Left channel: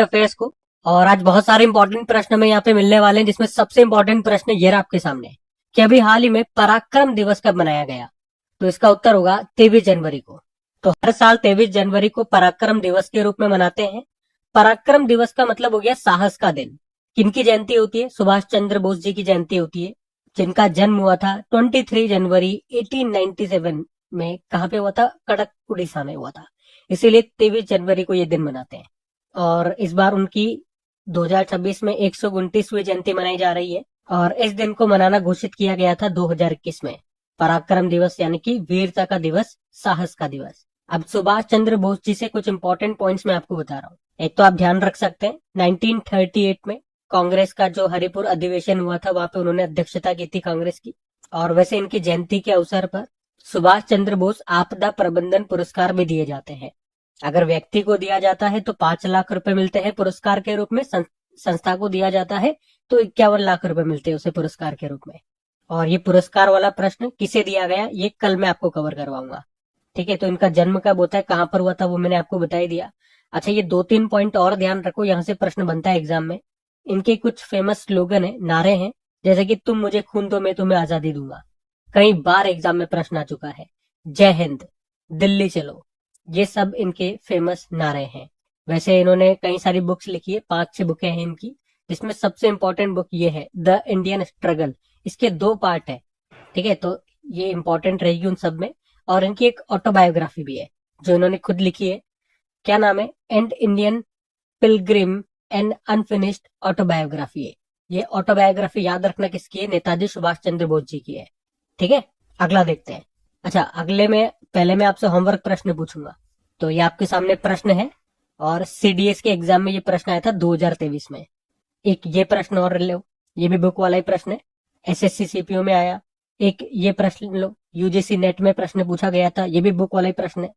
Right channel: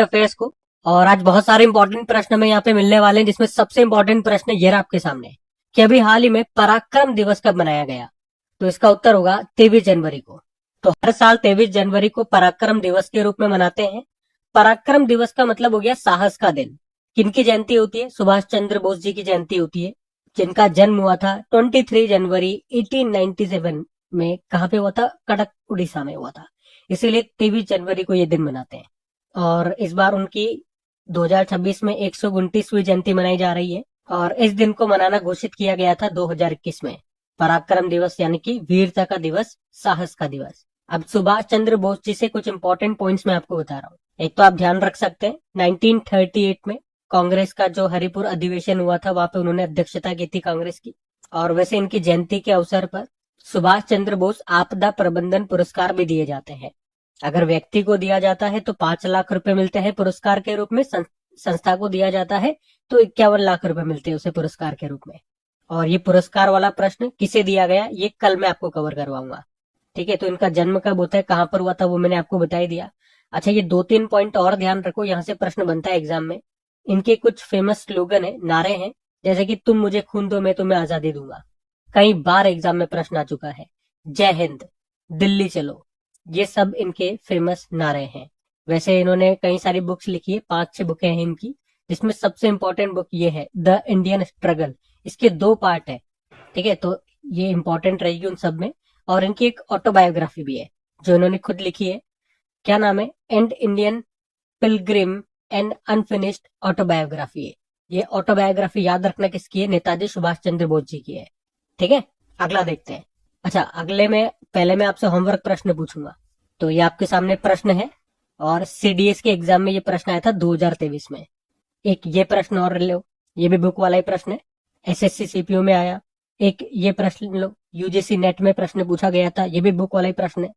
Current affairs को। और आज बहुत सारे इंपॉर्टेंट प्रश्न हमें यहाँ पे मिलने वाले हैं, जिसमें सबसे इंपॉर्टेंट प्रश्न ये रहा आपके सामने कि अभी हाल ही में पराक्रम दिवस कब मनाया गया। तो इसका उत्तर होगा 23 जनवरी को। तो हर साल 23 जनवरी को पराक्रम दिवस के रूप में मनाते हैं। पराक्रम दिवस का मतलब हो गया साहस का दिन। किनकी जयंती होती है? सुभाष चंद्र बोस जी की जयंती होती है, जिनका जन्म हुआ था 23 जनवरी 1897 में। कहाँ पे हुआ था? कटक, उड़ीसा में हुआ था। इसीलिए 23 जनवरी को ये दिन मनाते हैं। और इस बार उनकी 2026 में 129वीं जयंती मनाई जा रही है। और इस दिन को मनाना घोषित किया गया था 2021 में। पराक्रम दिवस यानी कि वीरता का दिवस, साहस का दिवस। अब सुभाष चंद्र बोस जी से कुछ इंपॉर्टेंट पॉइंट्स मैं आपको बता रहा हूँ। एक तो आप ध्यान रख सकते हैं 1938 में कांग्रेस का जो हरिपुर अधिवेशन हुआ था, वहां पे उन्होंने अध्यक्षता की थी कांग्रेस की। और वैसे इनकी जयंती के अवसर पर सुभाष चंद्र बोस आपदा प्रबंधन पुरस्कार भी दिए जाते हैं। अगर व्यक्ति को दिया जाता है तो 5 लाख रुपए मिलते हैं पुरस्कार के रूप में, संस्था को दिया जाता है तो 51 लाख रुपए मिलते हैं उसे पुरस्कार के रूप में। और ये पुरस्कार वाला प्रश्न किसे दिया गया, ये कल मैं आपको कवर करवाऊंगा। ठीक है, तो इनका जन्म कब होता है, कहां पर हुआ था, वो मैंने आपको बता ही दिया। अच्छा, ये 2-3 पॉइंट और ध्यान रखो, यहाँ से प्रश्न बनता है एग्जाम में। इनके कुछ फेमस स्लोगन है, नारे हैं, जैसे कि तुम मुझे खून दो मैं तुम्हें आजादी दूंगा। कई बार एग्जाम में प्रश्न आ चुका है। जय हिंद, दिल्ली चलो, ये सब इनके फेमस नारे हैं। वैसे इन्होंने कई सारी बुक्स लिखी है, 5-6 बुकें हैं इनकी, जिसमें सबसे इंपॉर्टेंट बुक ये है द इंडियन स्ट्रगल। इसके 2 पार्ट है। ठीक है, तो ये इंपॉर्टेंट रहेगी उन सब में। और इनकी एक ऑटोबायोग्राफी भी है जो इन्होंने खुद लिखी है। क्या नाम है? And Indian Pilgrim and unfinished autobiography है। ये ऑटोबायोग्राफी याद रखना किसकी है? नेताजी सुभाष चंद्र बोस जी की है। ठीक है, अगला देखते हैं। अच्छा, अगले में पहले मैं आपसे होमवर्क प्रश्न पूछूंगा। तो ये आपके सामने प्रश्न है, और सीडीएस के एग्जाम में ये प्रश्न आया था 2023 में। एक ये प्रश्न और लो, ये भी बुक वाला ही प्रश्न है, एसएससी सीपीओ में आया। एक ये प्रश्न लो, यूजीसी नेट में प्रश्न पूछा गया था, ये भी बुक वाला ही प्रश्न है।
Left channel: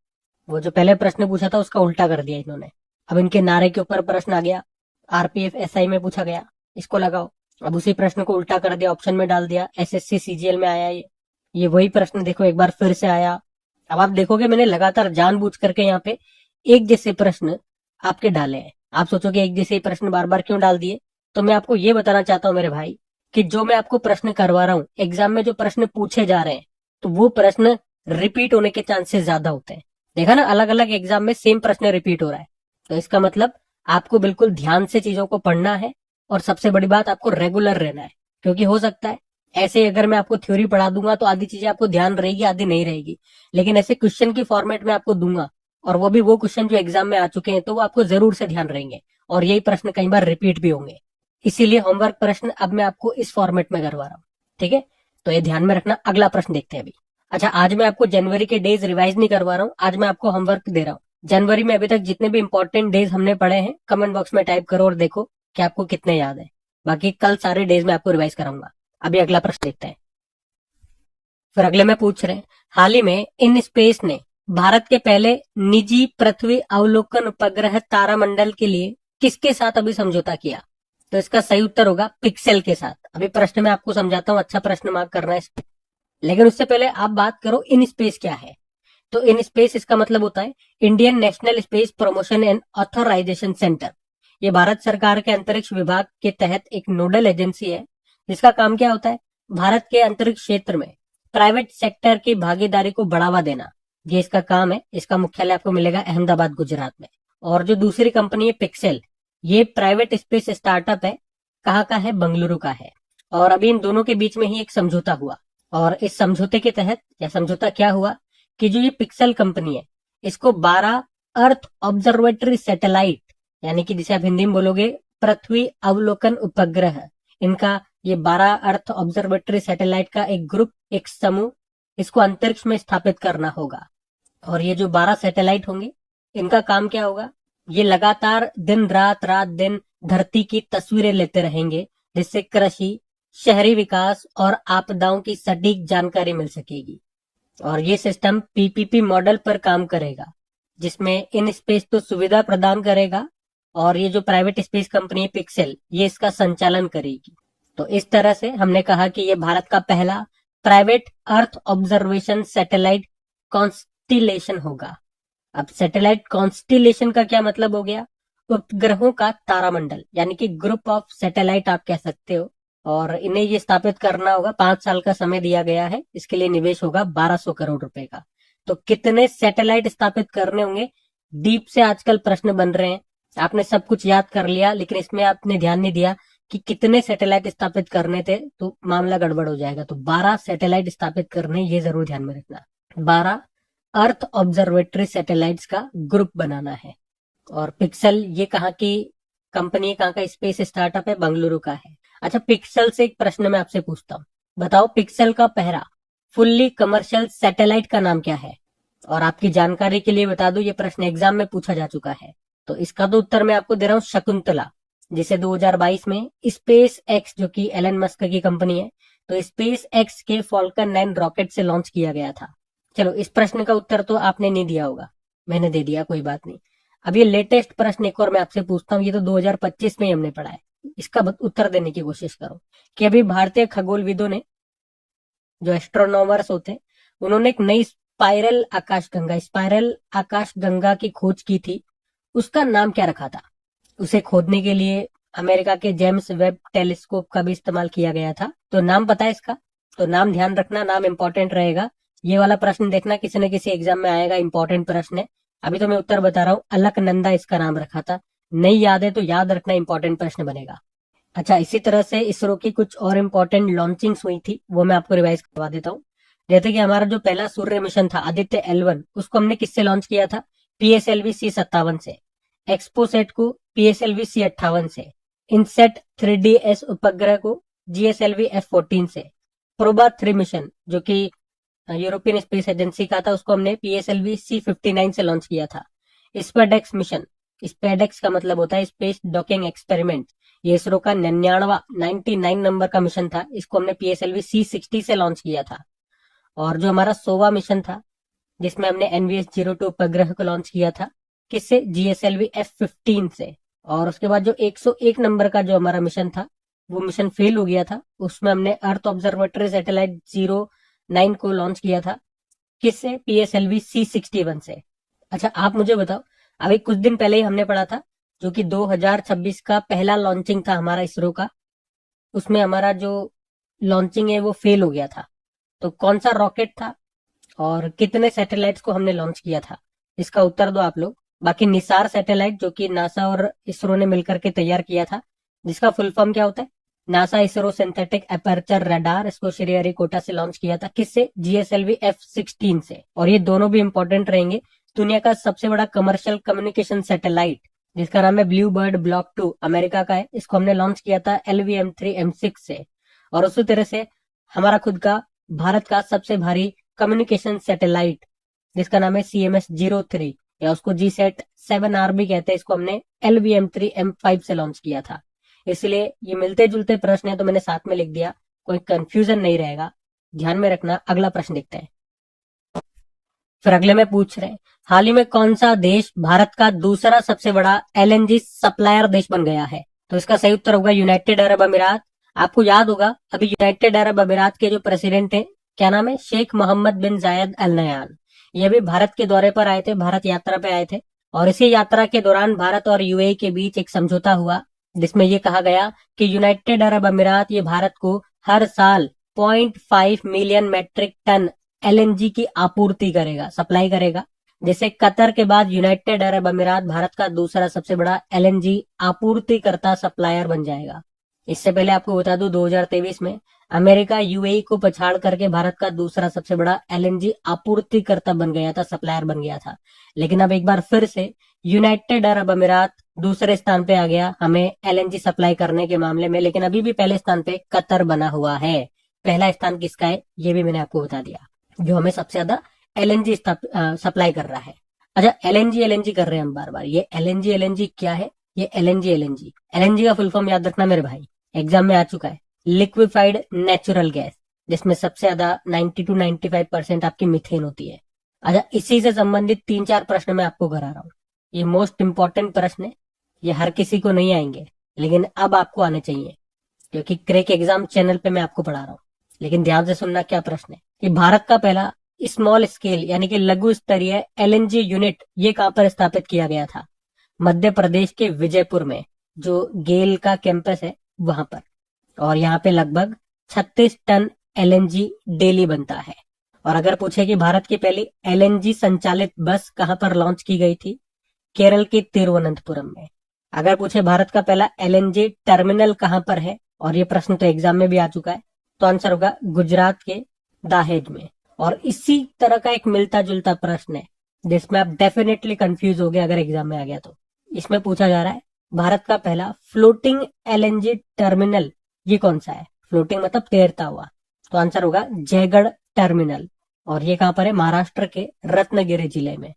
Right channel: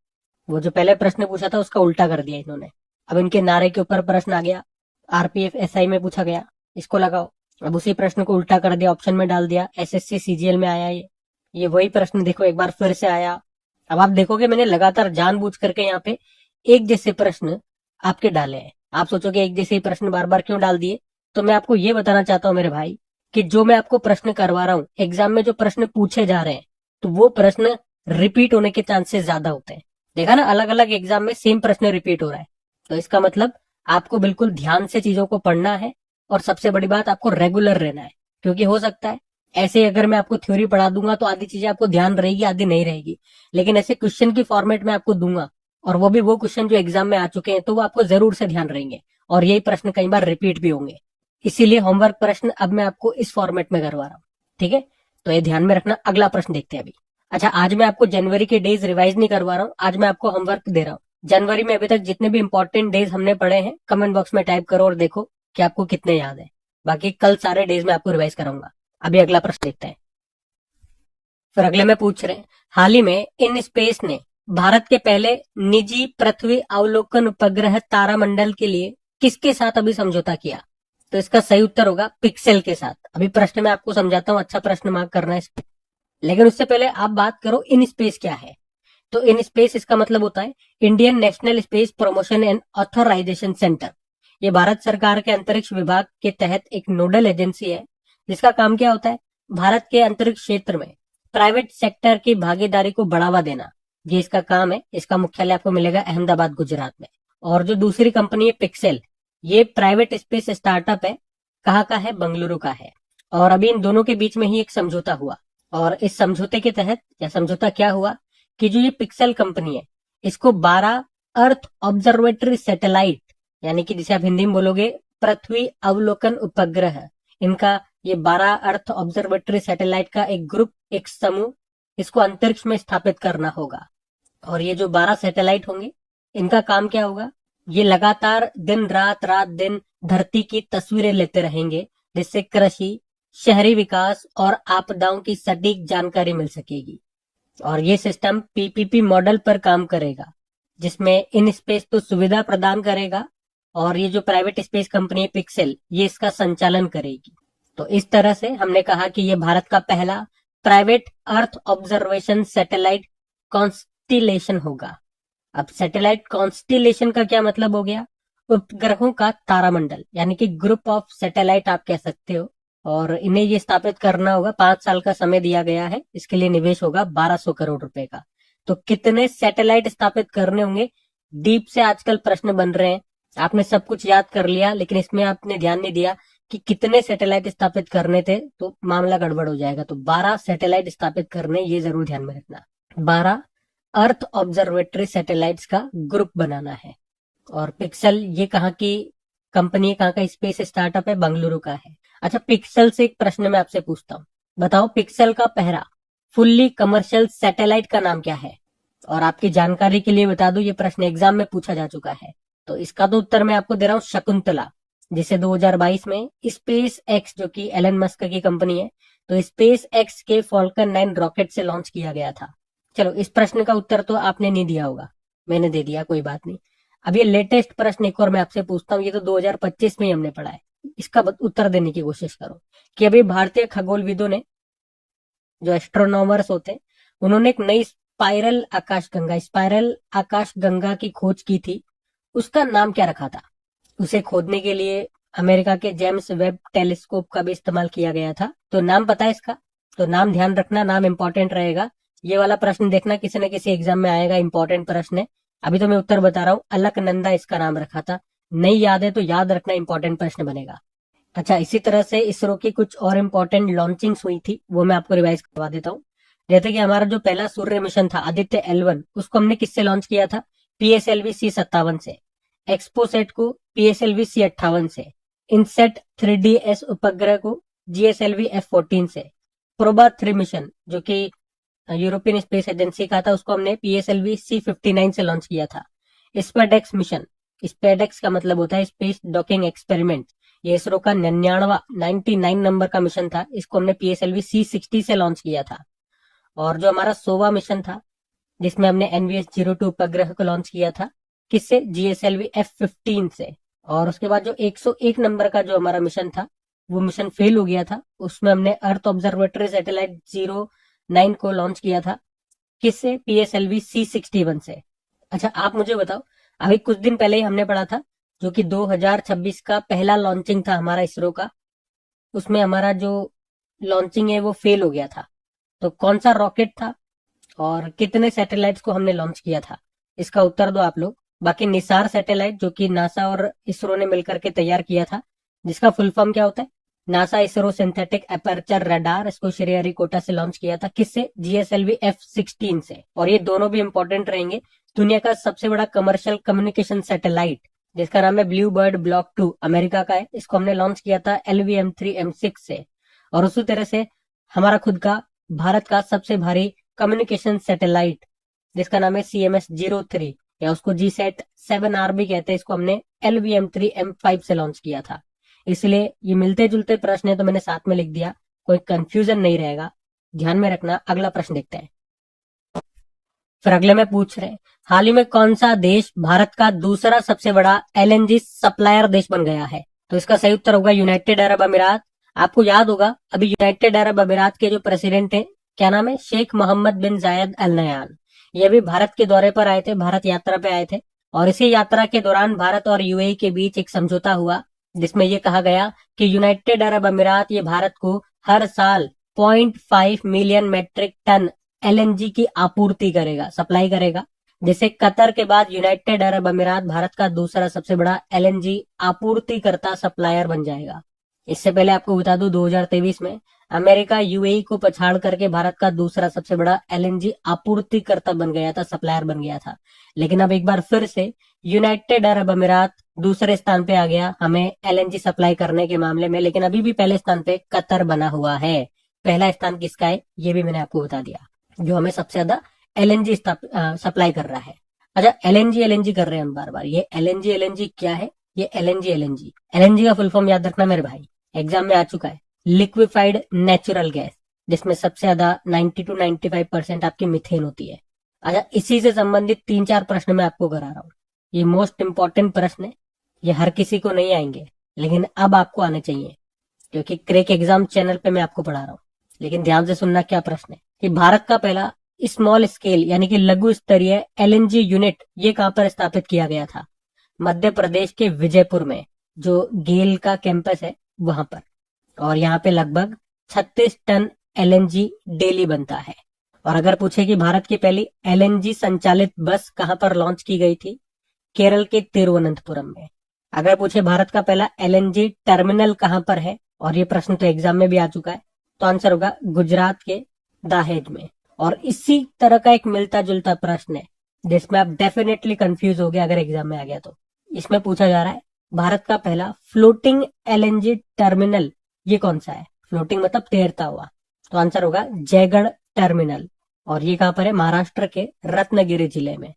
वो जो पहले प्रश्न पूछा था उसका उल्टा कर दिया इन्होंने। अब इनके नारे के ऊपर प्रश्न आ गया, आरपीएफ एसआई में पूछा गया, इसको लगाओ। अब उसी प्रश्न को उल्टा कर दिया, ऑप्शन में डाल दिया, एसएससी सीजीएल में आया ये वही प्रश्न देखो एक बार फिर से आया। अब आप देखोगे मैंने लगातार जानबूझ करके यहाँ पे एक जैसे प्रश्न आपके डाले हैं। आप सोचोगे एक जैसे प्रश्न बार बार क्यों डाल दिए, तो मैं आपको ये बताना चाहता हूँ मेरे भाई कि जो मैं आपको प्रश्न करवा रहा हूँ, एग्जाम में जो प्रश्न पूछे जा रहे हैं, तो वो प्रश्न रिपीट होने के चांसेस ज्यादा होते हैं। देखा ना, अलग अलग एग्जाम में सेम प्रश्न रिपीट हो रहा है। तो इसका मतलब आपको बिल्कुल ध्यान से चीजों को पढ़ना है, और सबसे बड़ी बात आपको रेगुलर रहना है। क्योंकि हो सकता है ऐसे अगर मैं आपको थ्योरी पढ़ा दूंगा तो आधी चीजें आपको ध्यान रहेगी, आधी नहीं रहेगी। लेकिन ऐसे क्वेश्चन की फॉर्मेट में आपको दूंगा, और वो भी वो क्वेश्चन जो एग्जाम में आ चुके हैं, तो वो आपको जरूर से ध्यान रहेंगे, और यही प्रश्न कई बार रिपीट भी होंगे। इसीलिए होमवर्क प्रश्न अब मैं आपको इस फॉर्मेट में करवा रहा हूँ। ठीक है, तो ये ध्यान में रखना। अगला प्रश्न देखते हैं अभी। अच्छा, आज मैं आपको जनवरी के डेज रिवाइज नहीं करवा रहा हूँ, आज मैं आपको होमवर्क दे रहा हूँ। जनवरी में अभी तक जितने भी इंपॉर्टेंट डेज हमने पढ़े हैं, कमेंट बॉक्स में टाइप करो और देखो कि आपको कितने याद है। बाकी कल सारे डेज में आपको रिवाइज कराऊंगा। अभी अगला प्रश्न देखते हैं। फिर अगले में पूछ रहे हैं, हाल ही में इन स्पेस ने भारत के पहले निजी पृथ्वी अवलोकन उपग्रह तारामंडल के लिए किसके साथ अभी समझौता किया? तो इसका सही उत्तर होगा पिक्सेल के साथ। अभी प्रश्न मैं आपको समझाता हूँ, अच्छा प्रश्न मार्क करना है इसमें। लेकिन उससे पहले आप बात करो इन स्पेस क्या है। तो इन स्पेस इसका मतलब होता है Indian National Space Promotion and Authorization Centre. ये भारत सरकार के अंतरिक्ष विभाग के तहत एक नोडल एजेंसी है, जिसका काम क्या होता है? भारत के अंतरिक्ष क्षेत्र में प्राइवेट सेक्टर की भागीदारी को बढ़ावा देना, ये इसका काम है। इसका मुख्यालय आपको मिलेगा अहमदाबाद, गुजरात में। और जो दूसरी कंपनी है पिक्सेल, ये प्राइवेट स्पेस स्टार्टअप है। कहाँ का है? बंगलुरु का है। और अभी इन दोनों के बीच में ही एक समझौता हुआ, और इस समझौते के तहत, या समझौता क्या हुआ कि जो ये पिक्सेल कंपनी है, इसको 12 अर्थ ऑब्जर्वेटरी सैटेलाइट, यानी कि जिसे आप हिंदी में बोलोगे पृथ्वी अवलोकन उपग्रह, इनका ये 12 अर्थ ऑब्जर्वेटरी सैटेलाइट का एक ग्रुप, एक समूह, इसको अंतरिक्ष में स्थापित करना होगा। और ये जो 12 सैटेलाइट होंगे, इनका काम क्या होगा? ये लगातार दिन रात रात दिन धरती की तस्वीरें लेते रहेंगे, जिससे कृषि, शहरी विकास और आपदाओं की सटीक जानकारी मिल सकेगी। और ये सिस्टम पीपीपी मॉडल पर काम करेगा, जिसमें इन स्पेस तो सुविधा प्रदान करेगा, और ये जो प्राइवेट स्पेस कंपनी है पिक्सेल, ये इसका संचालन करेगी। तो इस तरह से हमने कहा कि ये भारत का पहला private earth observation satellite constellation होगा। अब सैटेलाइट कॉन्स्टिलेशन का क्या मतलब हो गया? उपग्रहों का तारामंडल, यानी कि ग्रुप ऑफ सैटेलाइट आप कह सकते हो। और इन्हें ये स्थापित करना होगा, 5 साल का समय दिया गया है। इसके लिए निवेश होगा 1200 करोड़ रुपए का। तो कितने सैटेलाइट स्थापित करने होंगे, डीप से आजकल प्रश्न बन रहे हैं। आपने सब कुछ याद कर लिया, लेकिन इसमें आपने ध्यान नहीं दिया कि कितने सैटेलाइट स्थापित करने थे, तो मामला गड़बड़ हो जाएगा। तो 12 सैटेलाइट स्थापित करने, ये जरूर ध्यान में रखना। 12 अर्थ ऑब्जर्वेटरी सैटेलाइट्स का ग्रुप बनाना है। और पिक्सल, ये कहाँ की कंपनी है, कहाँ का स्पेस स्टार्टअप है, बंगलुरु का है। अच्छा, पिक्सल से एक प्रश्न मैं आपसे पूछता हूँ, बताओ पिक्सल का पहला फुल्ली कमर्शियल सैटेलाइट का नाम क्या है। और आपकी जानकारी के लिए बता दूं, ये प्रश्न एग्जाम में पूछा जा चुका है। तो इसका तो उत्तर मैं आपको दे रहा हूँ, शकुंतला, जिसे 2022 में स्पेस एक्स, जो कि एलन मस्क की कंपनी है, तो स्पेस एक्स के फॉल्कन 9 रॉकेट से लॉन्च किया गया था। चलो, इस प्रश्न का उत्तर तो आपने नहीं दिया होगा, मैंने दे दिया, कोई बात नहीं। अब ये लेटेस्ट प्रश्न एक और मैं आपसे पूछता हूँ, ये तो 2025 में ही हमने पढ़ा है, इसका उत्तर देने की कोशिश करो। कि अभी भारतीय खगोलविदों ने, जो एस्ट्रोनॉमर्स होते हैं, उन्होंने एक नई स्पाइरल आकाश गंगा की खोज की थी। उसका नाम क्या रखा था। उसे खोदने के लिए अमेरिका के जेम्स वेब टेलीस्कोप का भी इस्तेमाल किया गया था। तो नाम पता है इसका, तो नाम ध्यान रखना, नाम इंपॉर्टेंट रहेगा। ये वाला प्रश्न देखना, किसी न किसी एग्जाम में आएगा, इंपॉर्टेंट प्रश्न है। अभी तो मैं उत्तर बता रहा हूँ, अलकनंदा इसका नाम रखा था। नहीं याद है तो याद रखना, इंपॉर्टेंट प्रश्न बनेगा। अच्छा, इसी तरह से इसरो की कुछ और इम्पोर्टेंट लॉन्चिंग्स हुई थी, वो मैं आपको रिवाइज करवा देता हूँ। जैसे कि हमारा जो पहला सूर्य मिशन था, आदित्य L1, उसको हमने किससे लॉन्च किया था, PSLV C57 से। एक्सपोसेट को PSLV C58 से। इनसेट 3DS उपग्रह को GSLV F14 से। प्रोबा 3 मिशन, जो कि यूरोपियन स्पेस एजेंसी का था, उसको हमने PSLV C59 से लॉन्च किया था। स्पेडेक्स मिशन, स्पेडेक्स का मतलब होता है स्पेस डॉकिंग एक्सपेरिमेंट, ये इसरो का 99 नंबर का मिशन था, इसको हमने PSLV C60 से लॉन्च किया था। और जो हमारा 100वां मिशन था, जिसमें हमने NVS-02 उपग्रह को लॉन्च किया था, किससे, GSLV F15 से। और उसके बाद जो 101 नंबर का जो हमारा मिशन था, वो मिशन फेल हो गया था, उसमें हमने अर्थ ऑब्जर्वेटरी सैटेलाइट 09 को लॉन्च किया था, किससे, PSLV C61 से। अच्छा, आप मुझे बताओ, अभी कुछ दिन पहले ही हमने पढ़ा था, जो कि 2026 का पहला लॉन्चिंग था हमारा इसरो का, उसमें हमारा जो लॉन्चिंग है वो फेल हो गया था। तो कौन सा रॉकेट था और कितने सैटेलाइट्स को हमने लॉन्च किया था, इसका उत्तर दो आप लोग। बाकी निसार सैटेलाइट, जो कि नासा और इसरो ने मिलकर के तैयार किया था, जिसका फुल फॉर्म क्या होता है, NASA ISRO synthetic aperture radar, इसको श्रीहरिकोटा से लॉन्च किया था, किससे, GSLV F16 से। और ये दोनों भी इंपॉर्टेंट रहेंगे। दुनिया का सबसे बड़ा कमर्शियल कम्युनिकेशन सैटेलाइट, जिसका नाम है ब्लू बर्ड ब्लॉक 2, अमेरिका का है, इसको हमने लॉन्च किया था LVM-3M6 से। और उसी तरह से हमारा खुद का भारत का सबसे भारी कम्युनिकेशन सैटेलाइट, जिसका नाम है CMS-03, या उसको GSAT-7R भी कहते हैं, इसको हमने LVM-3M5 से लॉन्च किया था। इसलिए ये मिलते जुलते प्रश्न है, तो मैंने साथ में लिख दिया, कोई कंफ्यूजन नहीं रहेगा, ध्यान में रखना। अगला प्रश्न देखते हैं। फिर अगले में पूछ रहे हैं, हाल ही में कौन सा देश भारत का दूसरा सबसे बड़ा LNG सप्लायर देश बन गया है। तो इसका सही उत्तर होगा यूनाइटेड अरब अमीरात। आपको याद होगा, अभी यूनाइटेड अरब अमीरात के जो प्रेसिडेंट है, क्या नाम है, शेख मोहम्मद बिन जायद अल नयान। ये भी भारत के दौरे पर आए थे, भारत यात्रा पे आए थे। और इसी यात्रा के दौरान भारत और UAE के बीच एक समझौता हुआ, जिसमें ये कहा गया कि यूनाइटेड अरब अमीरात ये भारत को हर साल 0.5 मिलियन मेट्रिक टन LNG की आपूर्ति करेगा, सप्लाई करेगा। जैसे कतर के बाद यूनाइटेड अरब अमीरात भारत का दूसरा सबसे बड़ा LNG आपूर्तिकर्ता सप्लायर बन जाएगा। इससे पहले आपको बता दूं, 2023 में अमेरिका UAE को पछाड़ करके भारत का दूसरा सबसे बड़ा LNG आपूर्तिकर्ता बन गया था, सप्लायर बन गया था। लेकिन अब एक बार फिर से यूनाइटेड अरब अमीरात दूसरे स्थान पे आ गया हमें LNG सप्लाई करने के मामले में। लेकिन अभी भी पहले स्थान पे कतर बना हुआ है। पहला स्थान किसका है, ये भी मैंने आपको बता दिया, जो हमें सबसे ज्यादा LNG सप्लाई कर रहा है। अच्छा, LNG कर रहे हैं हम बार बार, ये LNG क्या है, ये LNG का फुल फॉर्म याद रखना मेरे भाई, एग्जाम में आ चुका है, लिक्विफाइड नेचुरल गैस, जिसमें सबसे ज्यादा 90 to 95% आपकी मीथेन होती है। अच्छा, इसी से संबंधित 3-4 प्रश्न मैं आपको करा रहा हूँ। ये मोस्ट इंपॉर्टेंट प्रश्न है, ये हर किसी को नहीं आएंगे, लेकिन अब आपको आने चाहिए, क्योंकि क्रैक एग्जाम चैनल पे मैं आपको पढ़ा रहा हूँ। लेकिन ध्यान से सुनना, क्या प्रश्न है कि भारत का पहला स्मॉल स्केल यानी कि लघु स्तरीय LNG यूनिट ये कहां पर स्थापित किया गया था। मध्य प्रदेश के विजयपुर में, जो गेल का कैंपस है वहां पर। और यहाँ पे लगभग 36 टन एलएनजी डेली बनता है। और अगर पूछे कि भारत की पहली एलएनजी संचालित बस कहां पर लॉन्च की गई थी, केरल के तिरुवनंतपुरम में। अगर पूछे भारत का पहला एलएनजी टर्मिनल कहां पर है, और ये प्रश्न तो एग्जाम में भी आ चुका है, तो आंसर होगा गुजरात के दाहेज में। और इसी तरह का एक मिलता जुलता प्रश्न है जिसमें आप डेफिनेटली कंफ्यूज हो गए अगर एग्जाम में आ गया तो। इसमें पूछा जा रहा है भारत का पहला फ्लोटिंग एलएनजी टर्मिनल ये कौन सा है। फ्लोटिंग मतलब तैरता हुआ, तो आंसर होगा जयगढ़ टर्मिनल। और ये कहां पर है, महाराष्ट्र के रत्नागिरी जिले में।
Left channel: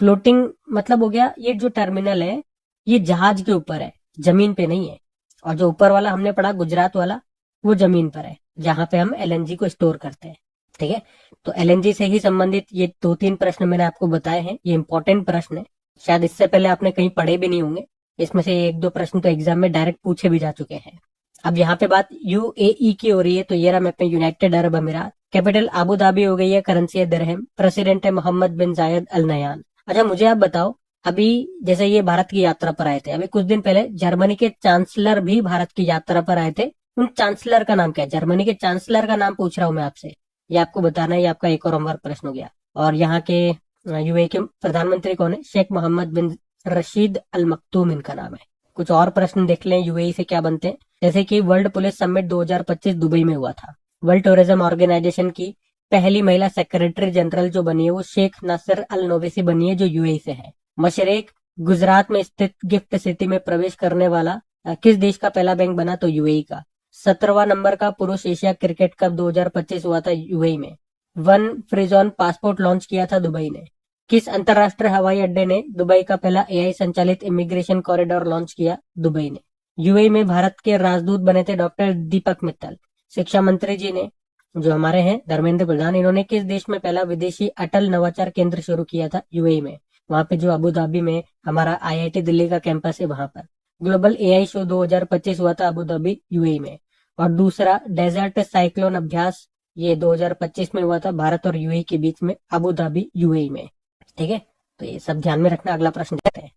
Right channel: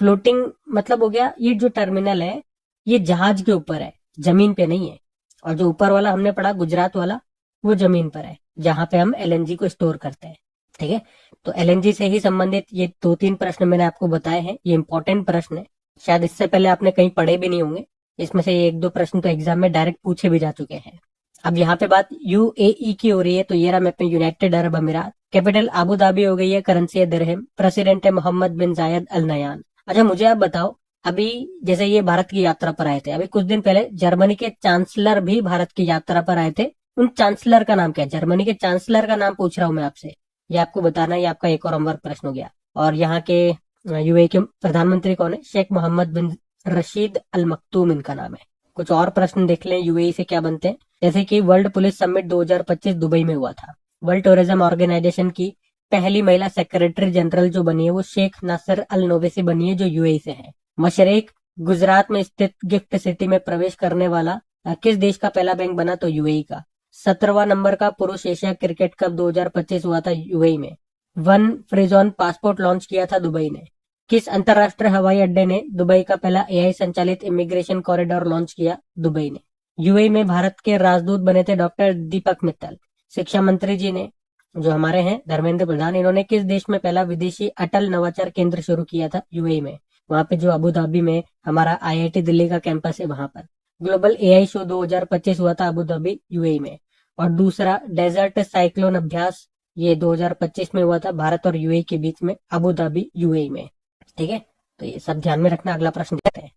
फ्लोटिंग मतलब हो गया ये जो टर्मिनल है ये जहाज के ऊपर है, जमीन पे नहीं है। और जो ऊपर वाला हमने पढ़ा गुजरात वाला, वो जमीन पर है जहां पे हम एलएनजी को स्टोर करते हैं। ठीक है, तो एलएनजी से ही संबंधित ये 2-3 प्रश्न मैंने आपको बताए हैं। ये इंपॉर्टेंट प्रश्न है, शायद इससे पहले आपने कहीं पढ़े भी नहीं होंगे। इसमें से 1-2 प्रश्न तो एग्जाम में डायरेक्ट पूछे भी जा चुके हैं। अब यहाँ पे बात यूएई की हो रही है, तो ये रहा मैप में यूनाइटेड अरब अमीरात। कैपिटल आबू धाबी हो गई है, करेंसी है दिरहम, प्रेसिडेंट है मोहम्मद बिन जायद अल नयान। अच्छा मुझे आप बताओ, अभी जैसे ये भारत की यात्रा पर आए थे, अभी कुछ दिन पहले जर्मनी के चांसलर भी भारत की यात्रा पर आए थे। उन चांसलर का नाम क्या है, जर्मनी के चांसलर का नाम पूछ रहा हूं मैं आपसे, ये आपको बताना है। ये आपका एक और होमवर्क प्रश्न हो गया। और यहाँ के यूएई के प्रधानमंत्री कौन है, शेख मोहम्मद बिन रशीद अल मखतूम इनका नाम है। कुछ और प्रश्न देख लें यूएई से क्या बनते हैं, जैसे कि वर्ल्ड पुलिस समिट 2025 दुबई में हुआ था। वर्ल्ड टूरिज्म ऑर्गेनाइजेशन की पहली महिला सेक्रेटरी जनरल जो बनी है वो शेख नासिर अल नोवेसी बनी है, जो यूएई से है। मशरक गुजरात में स्थित गिफ्ट सिटी में प्रवेश करने वाला किस देश का पहला बैंक बना, तो यूएई का। 17वां नंबर का पुरुष एशिया क्रिकेट कप 2025 हुआ था यूएई में। वन फ्रीजॉन पासपोर्ट लॉन्च किया था दुबई ने। किस अंतरराष्ट्रीय हवाई अड्डे ने दुबई का पहला एआई संचालित इमिग्रेशन कॉरिडोर लॉन्च किया, दुबई ने। यूएई में भारत के राजदूत बने थे डॉक्टर दीपक मित्तल। शिक्षा मंत्री जी ने, जो हमारे हैं धर्मेंद्र प्रधान, इन्होंने किस देश में पहला विदेशी अटल नवाचार केंद्र शुरू किया था, यूएई में। वहां पे जो अबू धाबी में हमारा आईआईटी दिल्ली का कैंपस है वहां पर। ग्लोबल एआई शो 2025 हुआ था अबू धाबी यूएई में। और दूसरा डेजर्ट साइक्लोन अभ्यास, ये 2025 में हुआ था भारत और यूएई के बीच में, अबू धाबी यूएई में। ठीक है, तो ये सब ध्यान में रखना। अगला प्रश्न देखते हैं।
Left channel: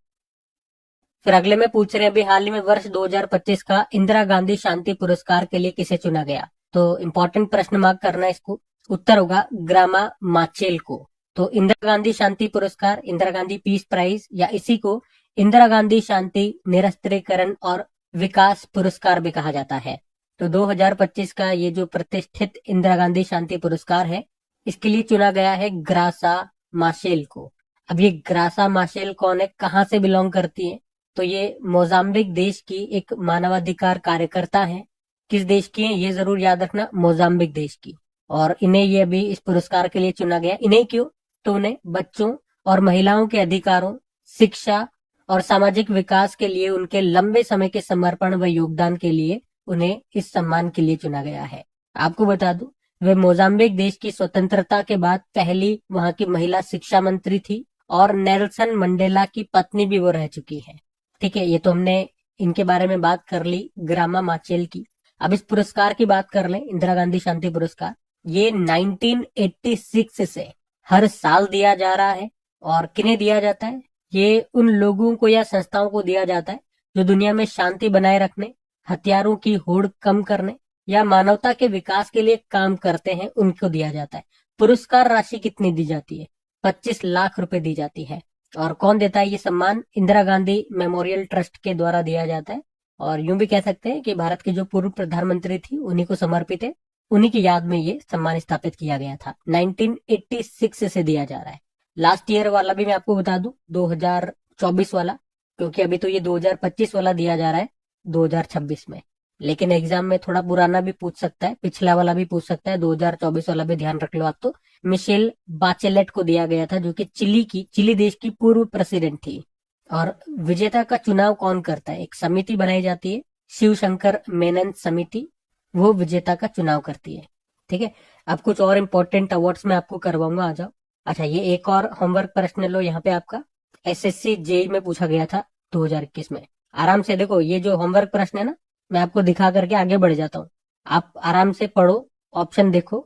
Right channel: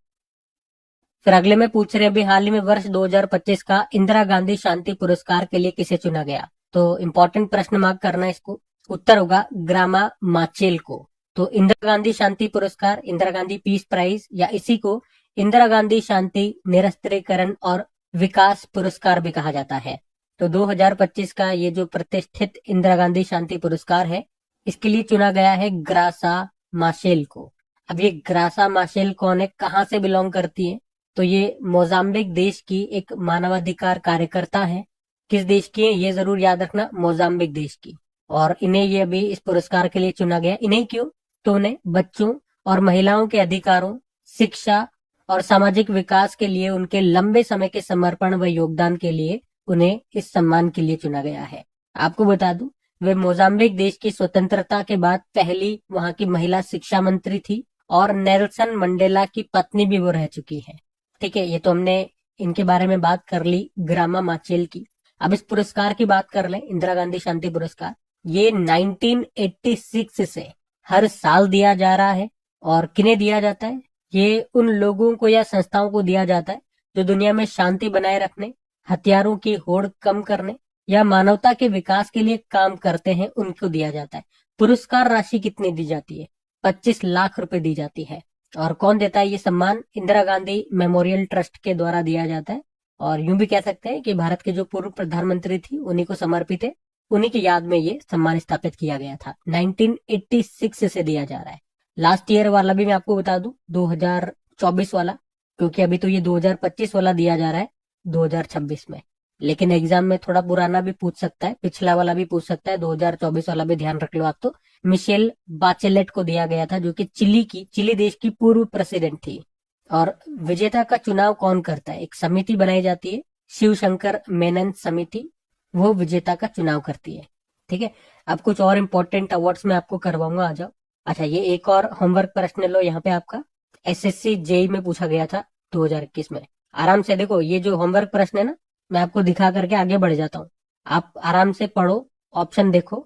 फिर अगले में पूछ रहे हैं अभी हाल ही में वर्ष 2025 का इंदिरा गांधी शांति पुरस्कार के लिए किसे चुना गया। तो इंपॉर्टेंट प्रश्न मार्क करना है इसको। उत्तर होगा ग्रामा माचेल को। तो इंदिरा गांधी शांति पुरस्कार, इंदिरा गांधी पीस प्राइज, या इसी को इंदिरा गांधी शांति निरस्त्रीकरण और विकास पुरस्कार भी कहा जाता है। तो 2025 का ये जो प्रतिष्ठित इंदिरा गांधी शांति पुरस्कार है, इसके लिए चुना गया है ग्रासा माशेल को। अब ये ग्रासा माशेल कौन है, कहाँ से बिलोंग करती है, तो ये मोजाम्बिक देश की एक मानवाधिकार कार्यकर्ता है। किस देश की है ये जरूर याद रखना, मोजाम्बिक देश की। और इन्हें ये अभी इस पुरस्कार के लिए चुना गया। इन्हें क्यों, तो उन्हें बच्चों और महिलाओं के अधिकारों, शिक्षा और सामाजिक विकास के लिए उनके लंबे समय के समर्पण व योगदान के लिए उन्हें इस सम्मान के लिए चुना गया है। आपको बता दूं, वे मोजाम्बिक देश की स्वतंत्रता के बाद पहली वहां की महिला शिक्षा मंत्री थी, और नेल्सन मंडेला की पत्नी भी वो रह चुकी है। ठीक है, ये तो हमने इनके बारे में बात कर ली, ग्रामा माचेल की। अब इस पुरस्कार की बात कर लें, इंदिरा गांधी शांति पुरस्कार। ये 1986 से हर साल दिया जा रहा है। और किन्हें दिया जाता है, ये उन लोगों को या संस्थाओं को दिया जाता है जो दुनिया में शांति बनाए रखने, हथियारों की होड़ कम करने या मानवता के विकास के लिए काम करते हैं, उनको दिया जाता है। पुरस्कार राशि कितनी दी जाती है, 25 लाख रुपए दी जाती है। और कौन देता है ये सम्मान, इंदिरा गांधी मेमोरियल ट्रस्ट के द्वारा दिया जाता है। और यूं भी कह सकते हैं कि भारत के जो पूर्व प्रधानमंत्री थी उन्हीं को समर्पित है, उन्हीं की याद में ये सम्मान स्थापित किया गया था। 1986 से दिया जा रहा है। लास्ट ईयर वाला भी मैं आपको बता दूं, 2024 वाला, क्योंकि अभी तो ये 2025 वाला दिया जा रहा है 2026 में। लेकिन एग्जाम में थोड़ा पुराना भी पूछ सकता है, पिछला वाला भी पूछ सकता है, 2024 वाला भी ध्यान रख लो आप। तो मिशेल बाचेलेट को दिया गया था, जो कि चिली देश की पूर्व प्रेसिडेंट थी। और विजेता का चुनाव कौन करता है, एक समिति बनाई जाती है, शिव शंकर मेनन समिति, वो विजेता का चुनाव करती है। ठीक है, अब कुछ और इंपॉर्टेंट अवार्ड्स में आपको करवाऊंगा, आ जाओ। अच्छा, ये एक और होमवर्क प्रश्न लो, यहाँ पे आपका एसएससी जेई में पूछा गया था 2021 में। आराम से देखो, ये जो होमवर्क प्रश्न है ना, मैं आपको दिखा करके आगे बढ़ जाता हूँ। आप आराम से पढ़ो, ऑप्शन देखो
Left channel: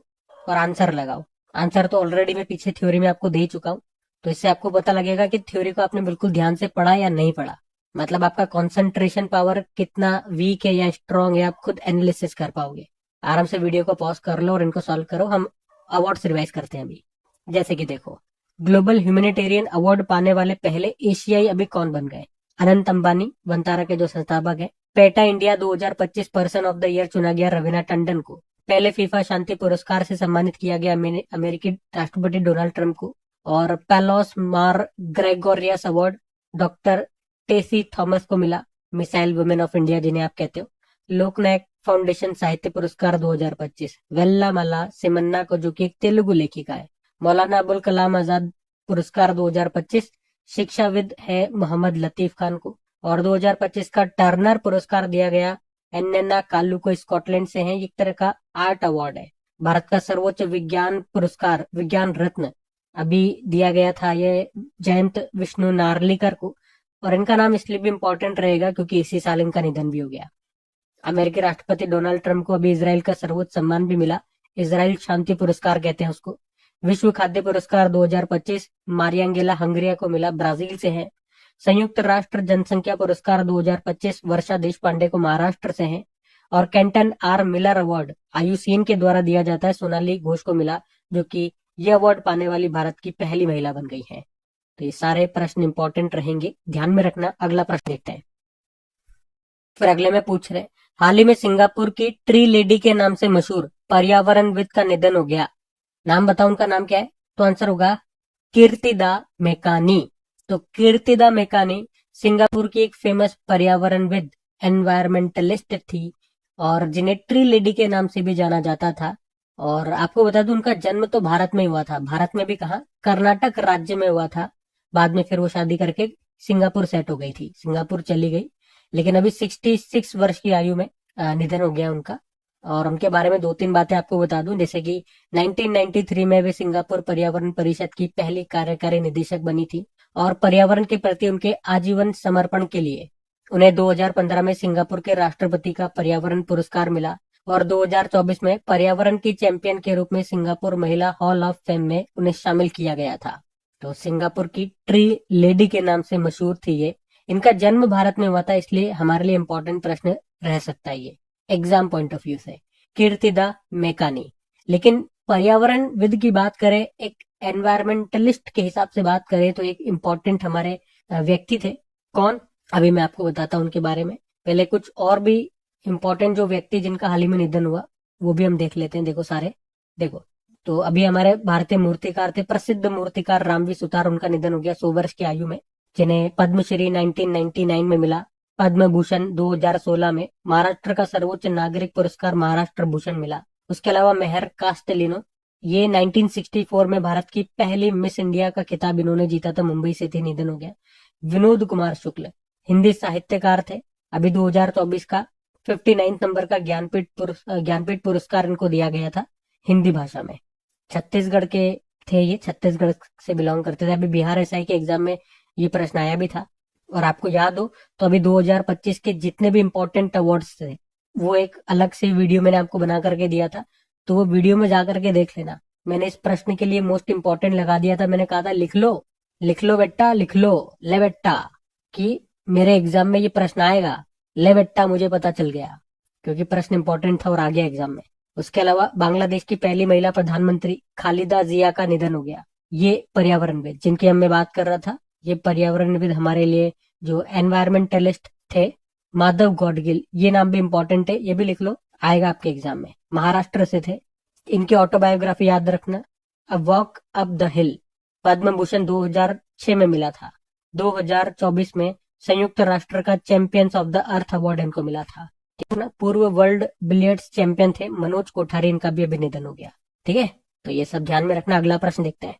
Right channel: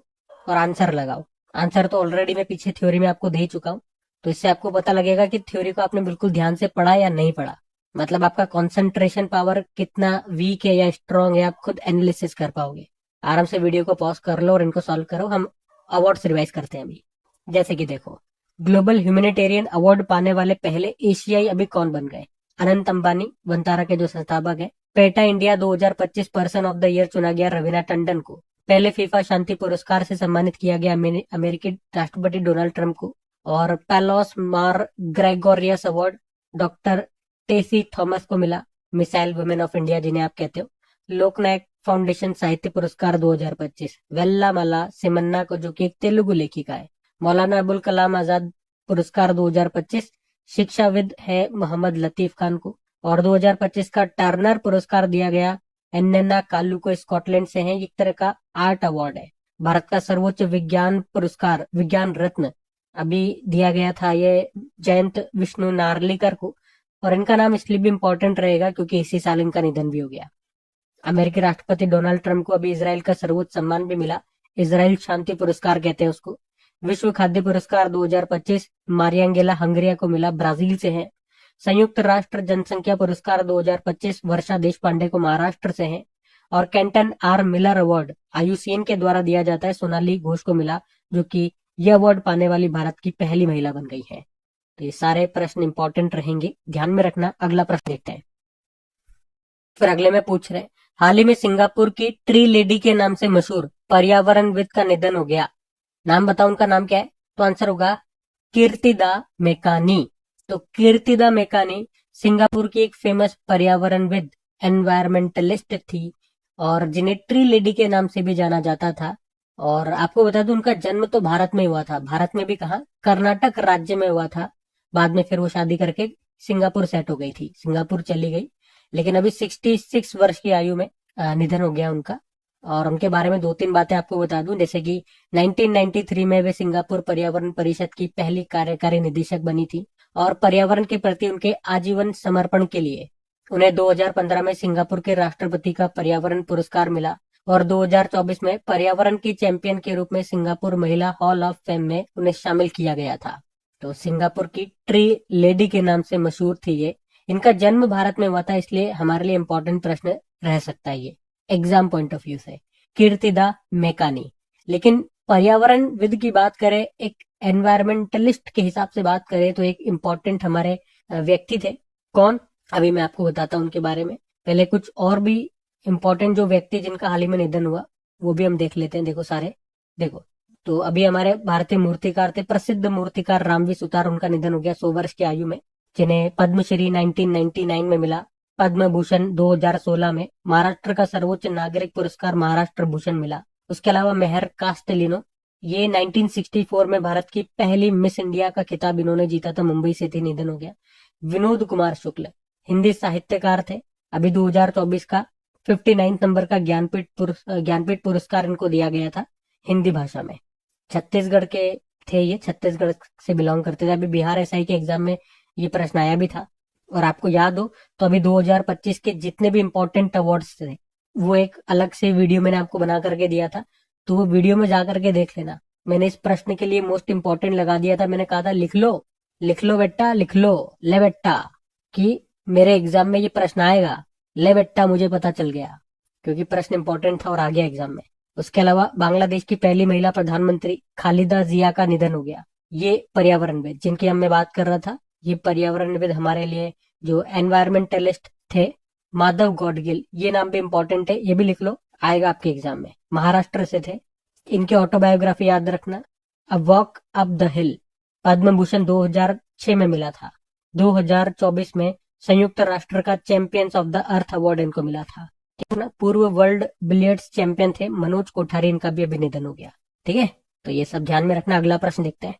और आंसर लगाओ। आंसर तो ऑलरेडी मैं पीछे थ्योरी में आपको दे चुका हूँ, तो इससे आपको पता लगेगा कि थ्योरी को आपने बिल्कुल ध्यान से पढ़ा या नहीं पढ़ा, मतलब आपका कंसंट्रेशन पावर कितना वीक है या स्ट्रांग है, आप खुद एनालिसिस कर पाओगे। आराम से वीडियो को पॉज कर लो और इनको सॉल्व करो। हम अवार्ड्स रिवाइज करते हैं अभी। जैसे कि देखो, ग्लोबल ह्यूमैनिटेरियन अवार्ड पाने वाले पहले एशियाई अभी कौन बन गए? अनंत अंबानी, वंतारा के जो संस्थापक है। PETA India 2025 person of the year चुना गया रवीना टंडन को। पहले फीफा शांति पुरस्कार से सम्मानित किया गया अमेरिकी राष्ट्रपति डोनाल्ड ट्रंप को। और पेलोस मार ग्रेगोरियस अवार्ड डॉक्टर टेसी थॉमस को मिला, मिसाइल वुमेन ऑफ इंडिया जिन्हें आप कहते हो। लोकनायक फाउंडेशन साहित्य पुरस्कार 2025 वेल्लामला सिमन्ना को, जो कि एक तेलुगु लेखिका है। मौलाना अबुल कलाम आजाद पुरस्कार 2025 शिक्षाविद है मोहम्मद लतीफ खान को। और 2025 का टर्नर पुरस्कार दिया गया एन्नेना कालू को, स्कॉटलैंड से है। एक तरह का आर्ट अवार्ड है। भारत का सर्वोच्च विज्ञान पुरस्कार विज्ञान रत्न अभी दिया गया था ये जयंत विष्णु नार्लिकर को। और इनका नाम इसलिए भी इंपॉर्टेंट रहेगा क्योंकि इसी साल इनका निधन भी हो गया। अमेरिकी राष्ट्रपति डोनाल्ड ट्रंप को अभी इजराइल का सर्वोच्च सम्मान भी मिला, इजराइल शांति पुरस्कार कहते हैं उसको। विश्व खाद्य पुरस्कार 2025 मारियांगेला हंगरिया को मिला, ब्राजील से है। संयुक्त राष्ट्र जनसंख्या पुरस्कार 2025 वर्षा देश पांडे को, महाराष्ट्र से है। और Kenton R Miller award IUCN के द्वारा दिया जाता है, सोनाली घोष को मिला, जो कि यह अवार्ड पाने वाली भारत की पहली महिला बन गई है। तो ये सारे प्रश्न इंपॉर्टेंट रहेंगे, ध्यान में रखना। अगला प्रश्न देखते हैं। फिर अगले में पूछ रहे, हाल ही में सिंगापुर की ट्री लेडी के नाम से मशहूर पर्यावरणविद का निधन हो गया। नाम बताओ, उनका नाम क्या है? तो आंसर होगा कीर्तिदा मेकानी। तो कीर्तिदा मेकानी सिंगापुर की एक फेमस पर्यावरणविद एनवायरमेंटलिस्ट थी और जिन्हें ट्री लेडी के नाम से भी जाना जाता था। और आपको बता दूं, उनका जन्म तो भारत में हुआ था। भारत में भी कहा, कर्नाटक राज्य में हुआ था। बाद में फिर वो शादी करके सिंगापुर सेट हो गई थी, सिंगापुर चली गई। लेकिन अभी 66 वर्ष की आयु में निधन हो गया उनका। और उनके बारे में दो तीन बातें आपको बता दूं, जैसे कि 1993 में वे सिंगापुर पर्यावरण परिषद की पहली कार्यकारी निदेशक बनी थी। और पर्यावरण के प्रति उनके आजीवन समर्पण के लिए उन्हें 2015 में सिंगापुर के राष्ट्रपति का पर्यावरण पुरस्कार मिला। और 2024 में पर्यावरण की चैंपियन के रूप में सिंगापुर महिला हॉल ऑफ फेम में उन्हें शामिल किया गया था। तो सिंगापुर की ट्री लेडी के नाम से मशहूर थी ये। इनका जन्म भारत में हुआ था, इसलिए हमारे लिए इंपॉर्टेंट प्रश्न रह सकता है ये एग्जाम पॉइंट ऑफ व्यू से, कीर्तिदा मेकानी। लेकिन पर्यावरण विद की बात करें, एक एनवायरमेंटलिस्ट के हिसाब से बात करें, तो एक इम्पोर्टेंट हमारे व्यक्ति थे। कौन? अभी मैं आपको बताता हूँ उनके बारे में। पहले कुछ और भी इम्पोर्टेंट जो व्यक्ति जिनका हाल ही में निधन हुआ वो भी हम देख लेते हैं। देखो सारे, देखो तो अभी हमारे भारतीय मूर्तिकार थे, प्रसिद्ध मूर्तिकार रामवी सुतार, उनका निधन हो गया 100 वर्ष की आयु में, जिन्हें पद्मश्री 1999 में मिला, पद्म भूषण 2016 में, महाराष्ट्र का सर्वोच्च नागरिक पुरस्कार महाराष्ट्र भूषण मिला। उसके अलावा मेहर कास्टेलिनो, ये 1964 में भारत की पहली मिस इंडिया का खिताब इन्होंने जीता था, मुंबई से थे, निधन हो गया। विनोद कुमार शुक्ल हिंदी साहित्यकार थे, अभी 2024 का 59 नंबर का ज्ञानपीठ पुरस्कार इनको दिया गया था हिंदी भाषा में। छत्तीसगढ़ के थे ये, छत्तीसगढ़ से बिलोंग करते थे। अभी बिहार एसआई के एग्जाम में ये प्रश्न आया भी था। और आपको याद हो तो अभी 2025 के जितने भी इंपॉर्टेंट अवार्ड्स थे वो एक अलग से वीडियो मैंने आपको बना करके दिया था, तो वो वीडियो में जा करके देख लेना। मैंने इस प्रश्न के लिए मोस्ट इंपॉर्टेंट लगा दिया था, मैंने कहा था लिख लो बेटा, लिख लो, ले बेटा, कि मेरे एग्जाम में ये प्रश्न आएगा। ले बेटा, मुझे पता चल गया क्योंकि प्रश्न इंपॉर्टेंट था और आ गया एग्जाम में। उसके अलावा बांग्लादेश की पहली महिला प्रधानमंत्री खालिदा जिया का निधन हो गया। ये पर्यावरणविद जिनकी हम मैं बात कर रहा था, ये पर्यावरणविद हमारे लिए जो एनवायरमेंटलिस्ट थे, माधव गौडगिल, ये नाम भी इंपॉर्टेंट है, ये भी लिख लो, आएगा आपके एग्जाम में। महाराष्ट्र से थे। इनकी ऑटोबायोग्राफी याद रखना, a walk up the hill, Padma Bhushan 2006 में मिला था। 2024 में संयुक्त राष्ट्र का champions of the earth award इनको मिला था। ठीक है ना। पूर्व वर्ल्ड बिलियर्ड्स चैंपियन थे मनोज कोठारी, इनका भी अभी निधन हो गया। ठीक है, तो ये सब ध्यान में रखना। अगला प्रश्न देखते हैं।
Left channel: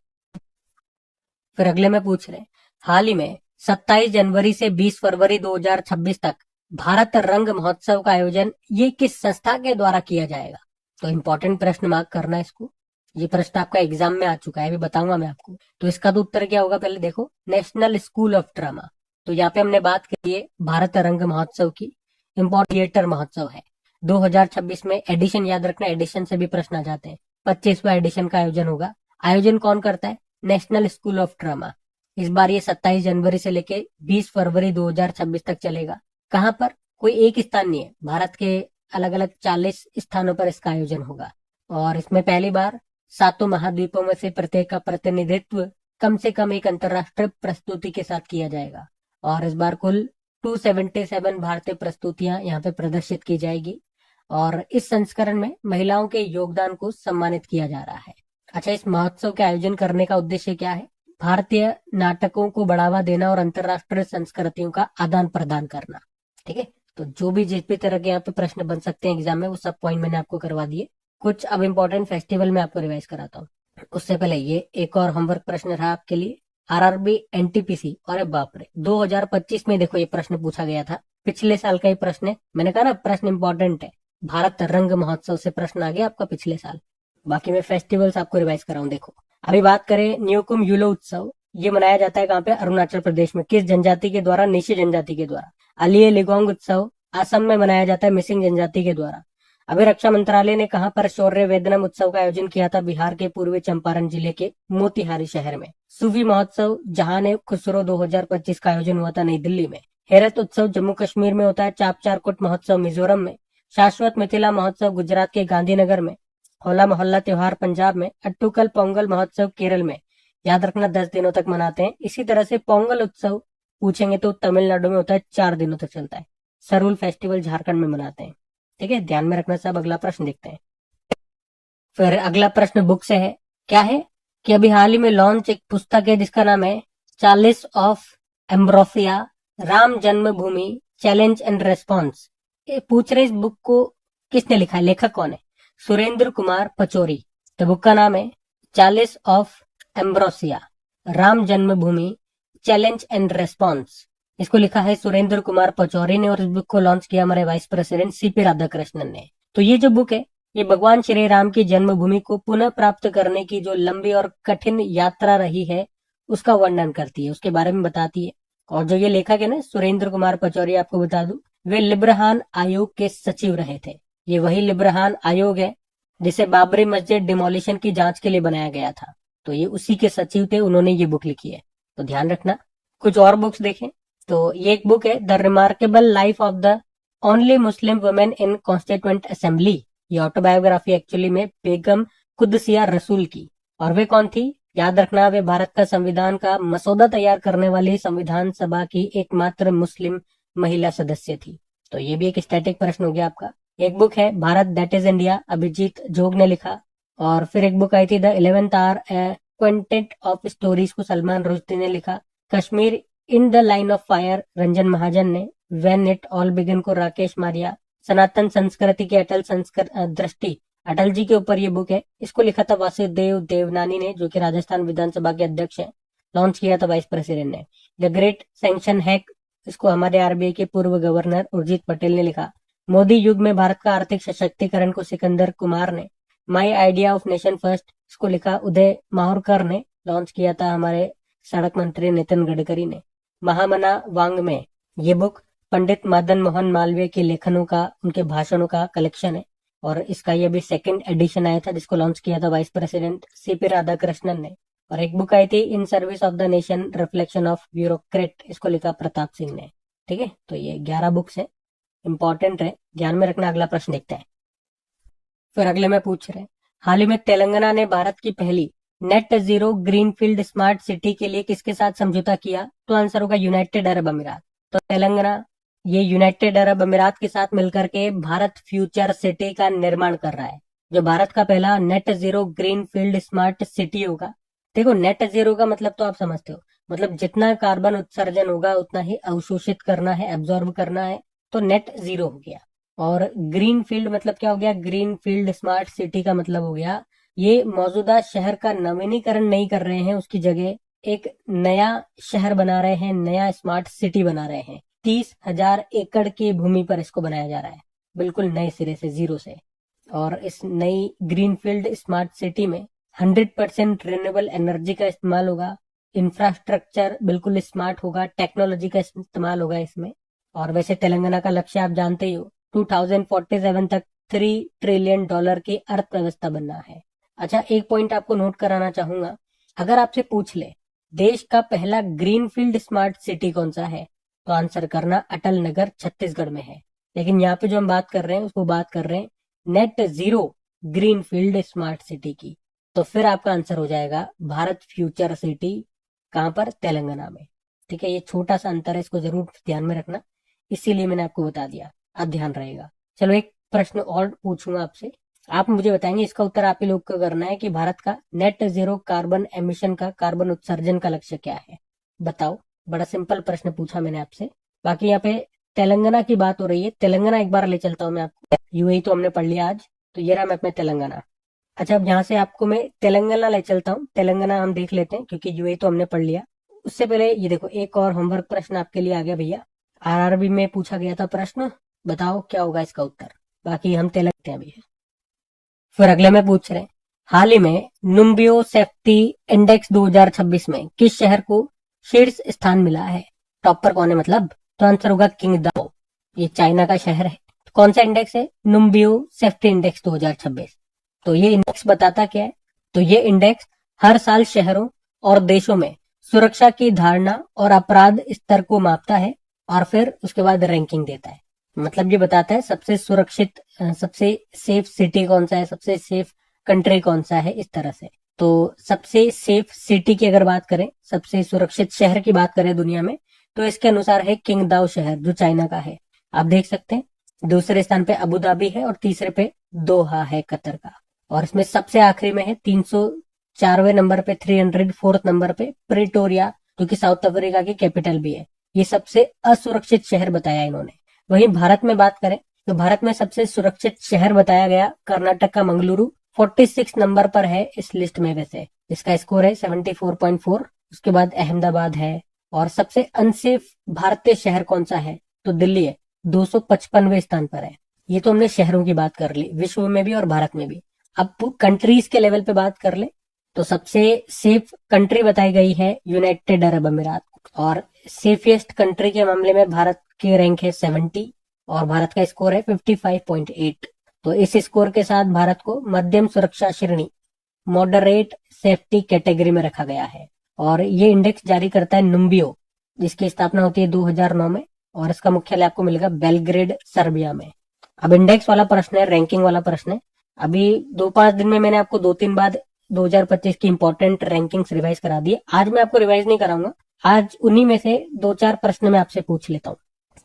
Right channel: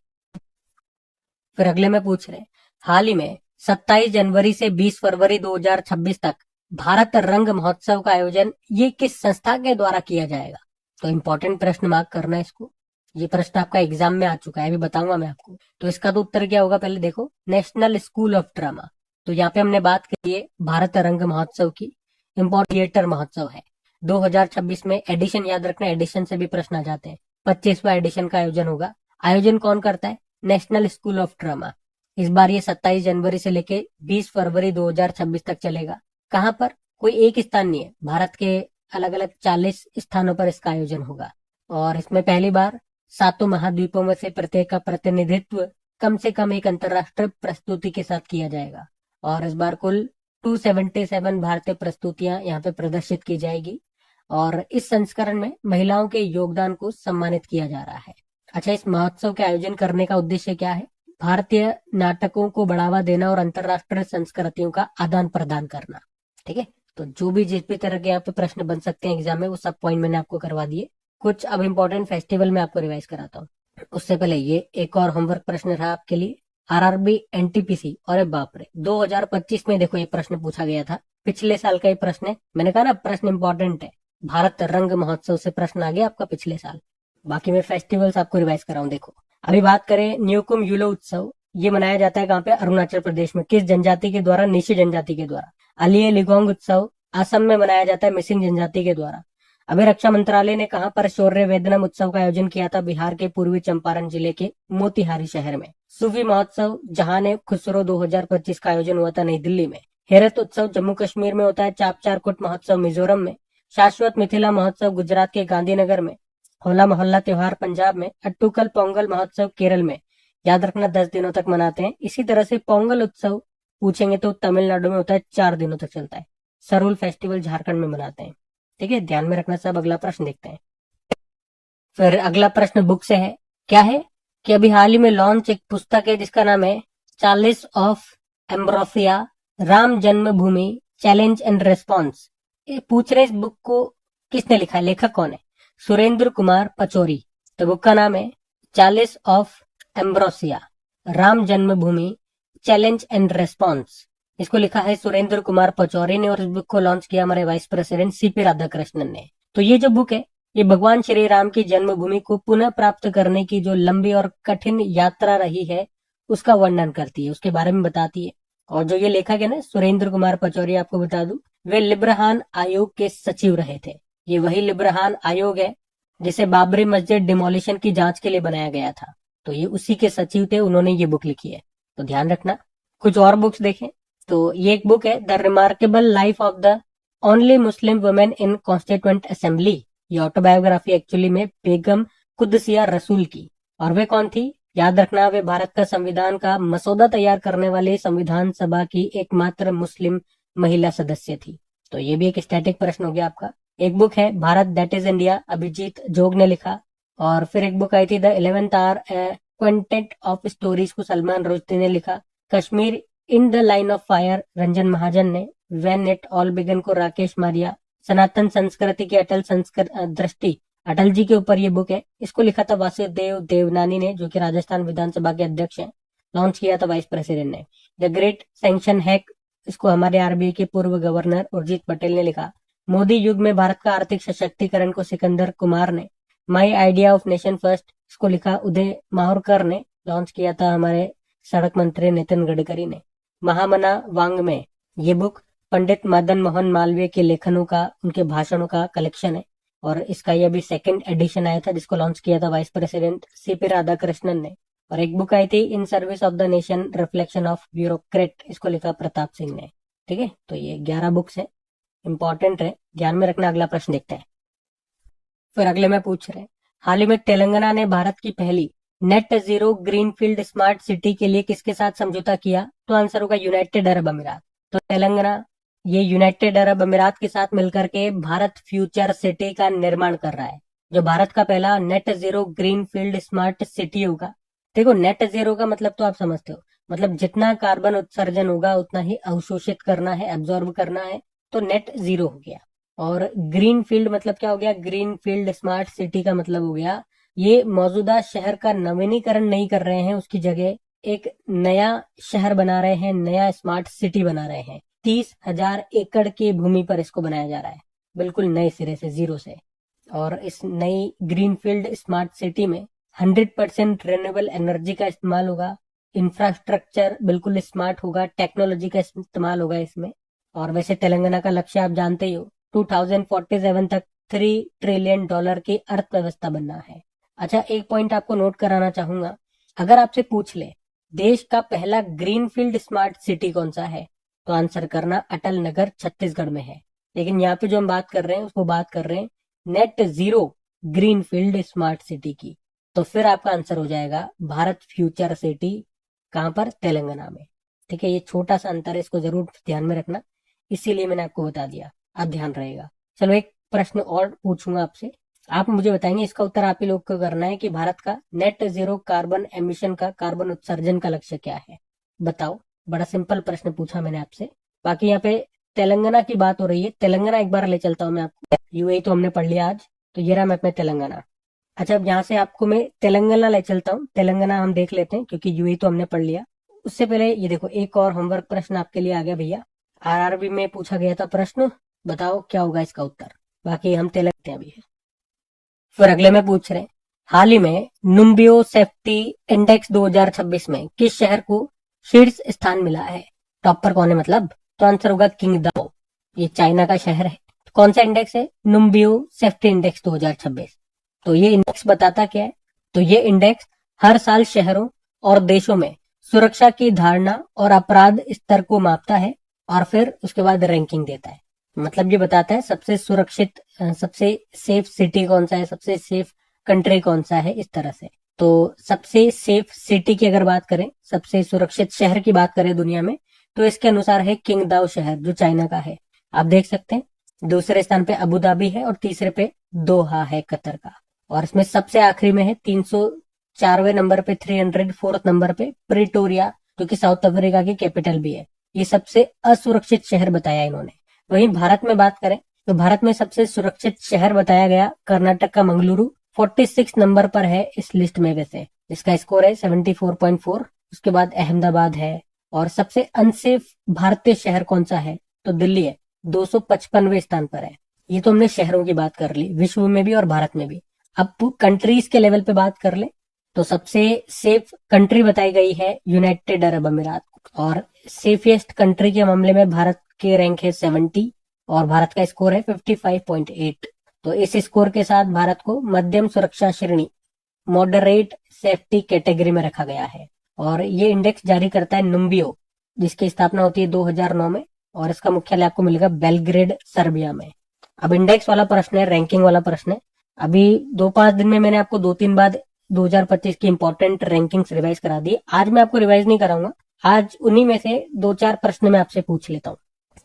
फिर अगले में पूछ रहे, हाल ही में 27 जनवरी से 20 फरवरी 2026 तक भारत रंग महोत्सव का आयोजन ये किस संस्था के द्वारा किया जाएगा? तो इंपॉर्टेंट प्रश्न मार्क करना है इसको। ये प्रश्न आपका एग्जाम में आ चुका है, अभी बताऊंगा मैं आपको। तो इसका तो उत्तर क्या होगा, पहले देखो, नेशनल स्कूल ऑफ ड्रामा। तो यहाँ पे हमने बात की है भारत रंग महोत्सव की। इम्पोर्ट थिएटर महोत्सव है 2026 में। एडिशन याद रखना, एडिशन से भी प्रश्न आ जाते हैं। 25वां एडिशन का आयोजन होगा। आयोजन कौन करता है? National school of drama. इस बार ये 27 जनवरी से लेके 20 फरवरी 2026 तक चलेगा। कहाँ पर? कोई एक स्थान नहीं है, भारत के अलग अलग 40 स्थानों पर इसका आयोजन होगा। और इसमें पहली बार 7 महाद्वीपों में से प्रत्येक का प्रतिनिधित्व कम से कम एक अंतर्राष्ट्रीय प्रस्तुति के साथ किया जाएगा। और इस बार कुल 277 भारतीय प्रस्तुतियां यहाँ पे प्रदर्शित की जाएगी। और इस संस्करण में महिलाओं के योगदान को सम्मानित किया जा रहा है। अच्छा, इस महोत्सव के आयोजन करने का उद्देश्य क्या है? भारतीय नाटकों को बढ़ावा देना और अंतर्राष्ट्रीय संस्कृतियों का आदान प्रदान करना। ठीक है, तो जो भी जिस भी तरह के यहाँ पे प्रश्न बन सकते हैं एग्जाम में, वो सब पॉइंट मैंने आपको करवा दिए। कुछ अब इम्पोर्टेंट फेस्टिवल में आपको रिवाइज कराता हूँ। उससे पहले ये एक और होमवर्क प्रश्न रहा आपके लिए, आरआरबी एनटीपीसी। और बाप रे, 2025 में देखो ये प्रश्न पूछा गया था, पिछले साल का ये प्रश्न है। मैंने कहा ना प्रश्न इंपॉर्टेंट है। भारत रंग महोत्सव से प्रश्न आ गया आपका पिछले साल। बाकी मैं फेस्टिवल्स आपको रिवाइज कराऊं। देखो, अभी बात करें न्योकुम यूलो उत्सव, ये मनाया जाता है कहाँ पे? अरुणाचल प्रदेश में। किस जनजाति के द्वारा? निशी जनजाति के द्वारा। अलिये लिगोंग उत्सव असम में मनाया जाता है मिसिंग जनजाति के द्वारा। अभी रक्षा मंत्रालय ने कहां पर शौर्य वेदनम उत्सव का आयोजन किया था? बिहार के पूर्वी चंपारण जिले के मोतिहारी शहर में। सूफी महोत्सव जहां ने खुसरो 2025 का आयोजन हुआ था नई दिल्ली में। हेरत उत्सव जम्मू कश्मीर में होता है। चापचारकुट महोत्सव मिजोरम में। शाश्वत मिथिला महोत्सव गुजरात के गांधीनगर में। होला मोहल्ला त्योहार पंजाब में। अट्टूकल पोंगल महोत्सव केरल में। याद रखना 10 दिनों तक मनाते हैं। इसी तरह से पोंगल उत्सव पूछेंगे तो तमिलनाडु में होता है, 4 दिनों तक चलता है। सरूल फेस्टिवल झारखंड में मनाते हैं। ठीक है, ध्यान में रखना सब। अगला प्रश्न देखते हैं। फिर अगला प्रश्न बुक से है। क्या है कि अभी हाल ही में लॉन्च एक पुस्तक है जिसका नाम है Charles of ambrosia, Ram Janmabhoomi challenge and response. पूछ रहे इस बुक को किसने लिखा है, लेखक कौन है? सुरेंद्र कुमार पचौरी। तो बुक का नाम है Charles of ambrosia, Ram Janmabhoomi challenge and response. इसको लिखा है सुरेंद्र कुमार पचौरी ने और इस बुक को लॉन्च किया हमारे वाइस प्रेसिडेंट सीपी राधाकृष्णन ने। तो ये जो बुक है ये भगवान श्री राम की जन्मभूमि को पुनः प्राप्त करने की जो लंबी और कठिन यात्रा रही है उसका वर्णन करती है, उसके बारे में बताती है। और जो ये लेखक है ना सुरेंद्र कुमार पचौरी, आपको बता दूं वे लिब्रहान आयोग के सचिव रहे थे। ये वही लिब्रहान आयोग है जिसे बाबरी मस्जिद डिमोलिशन की जांच के लिए बनाया गया था। तो ये उसी के सचिव थे, उन्होंने ये बुक लिखी है, तो ध्यान रखना। कुछ और बुक्स देखें तो ये एक बुक है the remarkable life of the only Muslim women in constituent assembly. ये ऑटोबायोग्राफी एक्चुअली में बेगम कुदसिया रसूल की। और वे कौन थी? याद रखना, वे भारत का संविधान का मसौदा तैयार करने वाली संविधान सभा की एकमात्र मुस्लिम महिला सदस्य थी। तो ये भी एक स्टैटिक प्रश्न हो गया आपका। एक बुक है Bharat that is India, Abhijit Jog ने लिखा। और फिर एक बुक आई थी the 11th hour quintet of stories को सलमान रुश्दी ने लिखा। Kashmir in the line of fire Ranjan Mahajan ने। व्हेन इट ऑल बिगन को राकेश मारिया। सनातन संस्कृति की अटल दृष्टि, अटल जी के ऊपर ये बुक है, इसको लिखा था वासुदेव देवनानी ने जो कि राजस्थान विधानसभा के अध्यक्ष हैं। लॉन्च किया था वाइस प्रेसिडेंट ने। द ग्रेट सैंक्शन हैक, इसको हमारे आरबीआई के पूर्व गवर्नर उर्जित पटेल ने लिखा। मोदी युग में भारत का आर्थिक सशक्तिकरण को सिकंदर कुमार ने। My idea of nation first, इसको लिखा उदय माहुरकर ने। लॉन्च किया था हमारे सड़क मंत्री नितिन गडकरी ने। महामना वांग्मय, ये बुक पंडित मदन मोहन मालवीय के लेखनों का, उनके भाषणों का कलेक्शन है। और इसका ये अभी 2nd एडिशन आया था जिसको लॉन्च किया था वाइस प्रेसिडेंट सीपी राधाकृष्णन ने। और एक बुक आई थी in service of the nation reflection of bureaucrat, इसको लिखा प्रताप सिंह ने। ठीक है, तो ये 11 बुक्स है, इंपॉर्टेंट है, ध्यान में रखना। अगला प्रश्न देखते हैं। फिर अगले में पूछ रहे हैं हाल ही में तेलंगाना ने भारत की पहली net zero greenfield smart city के लिए किसके साथ समझौता किया? तो आंसर होगा यूनाइटेड अरब अमीरात। तो तेलंगाना ये यूनाइटेड अरब अमीरात के साथ मिलकर के भारत फ्यूचर सिटी का निर्माण कर रहा है, जो भारत का पहला net zero greenfield smart city होगा। देखो, नेट जीरो का मतलब तो आप समझते हो, मतलब जितना कार्बन उत्सर्जन होगा उतना ही अवशोषित करना है, एब्जॉर्ब करना है, तो नेट जीरो हो गया। और ग्रीन फील्ड मतलब क्या हो गया? ग्रीन फील्ड स्मार्ट सिटी का मतलब हो गया ये मौजूदा शहर का नवीनीकरण नहीं कर रहे हैं, उसकी जगह एक नया शहर बना रहे हैं, नया स्मार्ट सिटी बना रहे हैं। 30,000 एकड़ की भूमि पर इसको बनाया जा रहा है, बिल्कुल नए सिरे से, जीरो से। और इस नई ग्रीनफील्ड स्मार्ट सिटी में 100% रिन्यूएबल एनर्जी का इस्तेमाल होगा, इंफ्रास्ट्रक्चर बिल्कुल स्मार्ट होगा, टेक्नोलॉजी का इस्तेमाल होगा इसमें। और वैसे तेलंगाना का लक्ष्य आप जानते ही हो, 2047 तक $3 ट्रिलियन की अर्थव्यवस्था बनना है। अच्छा, एक पॉइंट आपको नोट कराना चाहूंगा, अगर आपसे पूछ ले देश का पहला ग्रीनफील्ड स्मार्ट सिटी कौन सा है, तो आंसर करना अटल नगर छत्तीसगढ़ में है। लेकिन यहाँ पे जो हम बात कर रहे हैं उसको बात कर रहे हैं net zero greenfield smart city की। तो फिर आपका आंसर हो जाएगा भारत फ्यूचर सिटी। कहां पर? तेलंगाना में। ठीक है, ये छोटा सा अंतर है, इसको जरूर ध्यान में रखना, इसीलिए मैंने आपको बता दिया, अब ध्यान रहेगा। चलो एक प्रश्न और पूछूंगा आपसे, आप मुझे बताएंगे, इसका उत्तर आप ही लोग को करना है कि भारत का नेट जीरो कार्बन एमिशन का, कार्बन उत्सर्जन का लक्ष्य क्या है, बताओ। बड़ा सिंपल प्रश्न पूछा मैंने आपसे। बाकी यहाँ पे तेलंगाना की बात हो रही है, तेलंगाना एक बार ले चलता हूँ मैं आपको। यूएई तो हमने पढ़ लिया आज, तो ये रहा मैप में तेलंगाना। अच्छा, अब यहाँ से आपको मैं तेलंगाना ले चलता हूँ, तेलंगाना हम देख लेते हैं क्योंकि यूएई तो हमने पढ़ लिया। उससे पहले ये देखो, एक और होमवर्क प्रश्न आपके लिए आ गया भैया। आरआरबी में पूछा गया था प्रश्न, बताओ क्या होगा इसका उत्तर। बाकी हम तेलंगाना अभी है। फिर अगले में पूछ रहे हैं, हाल ही में नुम्बियो सेफ्टी इंडेक्स 2026 में किस शहर को शीर्ष स्थान मिला है? टॉपर कौन है मतलब? तो आंसर होगा किंगदाओ, ये चाइना का शहर है। कौन सा इंडेक्स है? नुम्बियो सेफ्टी इंडेक्स 2026। तो ये इंडेक्स बताता क्या है? तो ये इंडेक्स हर साल शहरों और देशों में सुरक्षा की धारणा और अपराध स्तर को मापता है और फिर उसके बाद रैंकिंग देता है। मतलब ये बताता है सबसे सुरक्षित, सबसे सेफ सिटी कौन सा है, सबसे सेफ कंट्री कौन सा है, इस तरह से। तो सबसे सेफ सिटी की अगर बात करें, सबसे सुरक्षित शहर की बात करें दुनिया में, तो इसके अनुसार है किंगदाओ शहर, जो चाइना का है। आप देख सकते हैं दूसरे स्थान पे अबू धाबी है और तीसरे पे दोहा है कतर का। और इसमें सबसे आखिरी में है 304वें नंबर पे 304th नंबर पे प्रिटोरिया, जो कि साउथ अफ्रीका की कैपिटल भी है। ये सबसे असुरक्षित शहर बताया इन्होंने। वहीं भारत में बात करें तो भारत में सबसे सुरक्षित शहर बताया गया कर्नाटक का मंगलुरु, 46 नंबर पर है इस लिस्ट में। वैसे इसका स्कोर है 74.4। उसके बाद अहमदाबाद है। और सबसे अनसेफ भारतीय शहर कौन सा है? तो दिल्ली है, 255वें स्थान पर है। ये तो हमने शहरों की बात कर ली, विश्व में भी और भारत में भी। अब कंट्रीज के लेवल पे बात कर ले तो सबसे सेफ कंट्री बताई गई है यूनाइटेड अरब अमीरात। और सेफेस्ट कंट्री के मामले में भारत के रैंक है 70 और भारत का स्कोर है 55.8। तो इस स्कोर के साथ भारत को मध्यम सुरक्षा श्रेणी, मॉडरेट सेफ्टी कैटेगरी में रखा गया है। और ये इंडेक्स जारी करता है नुम्बियो, जिसकी स्थापना होती है 2009 में और इसका मुख्यालय आपको मिलेगा बेलग्रेड, सर्बिया में। अब इंडेक्स वाला प्रश्न है, रैंकिंग वाला प्रश्न है। अभी 2-5 दिन में मैंने आपको 2-3 बार 2025 की इंपॉर्टेंट रैंकिंग्स रिवाइज करा दी। आज मैं आपको रिवाइज नहीं कराऊंगा, आज उन्हीं में से 2-4 प्रश्न मैं आपसे पूछ लेता हूँ।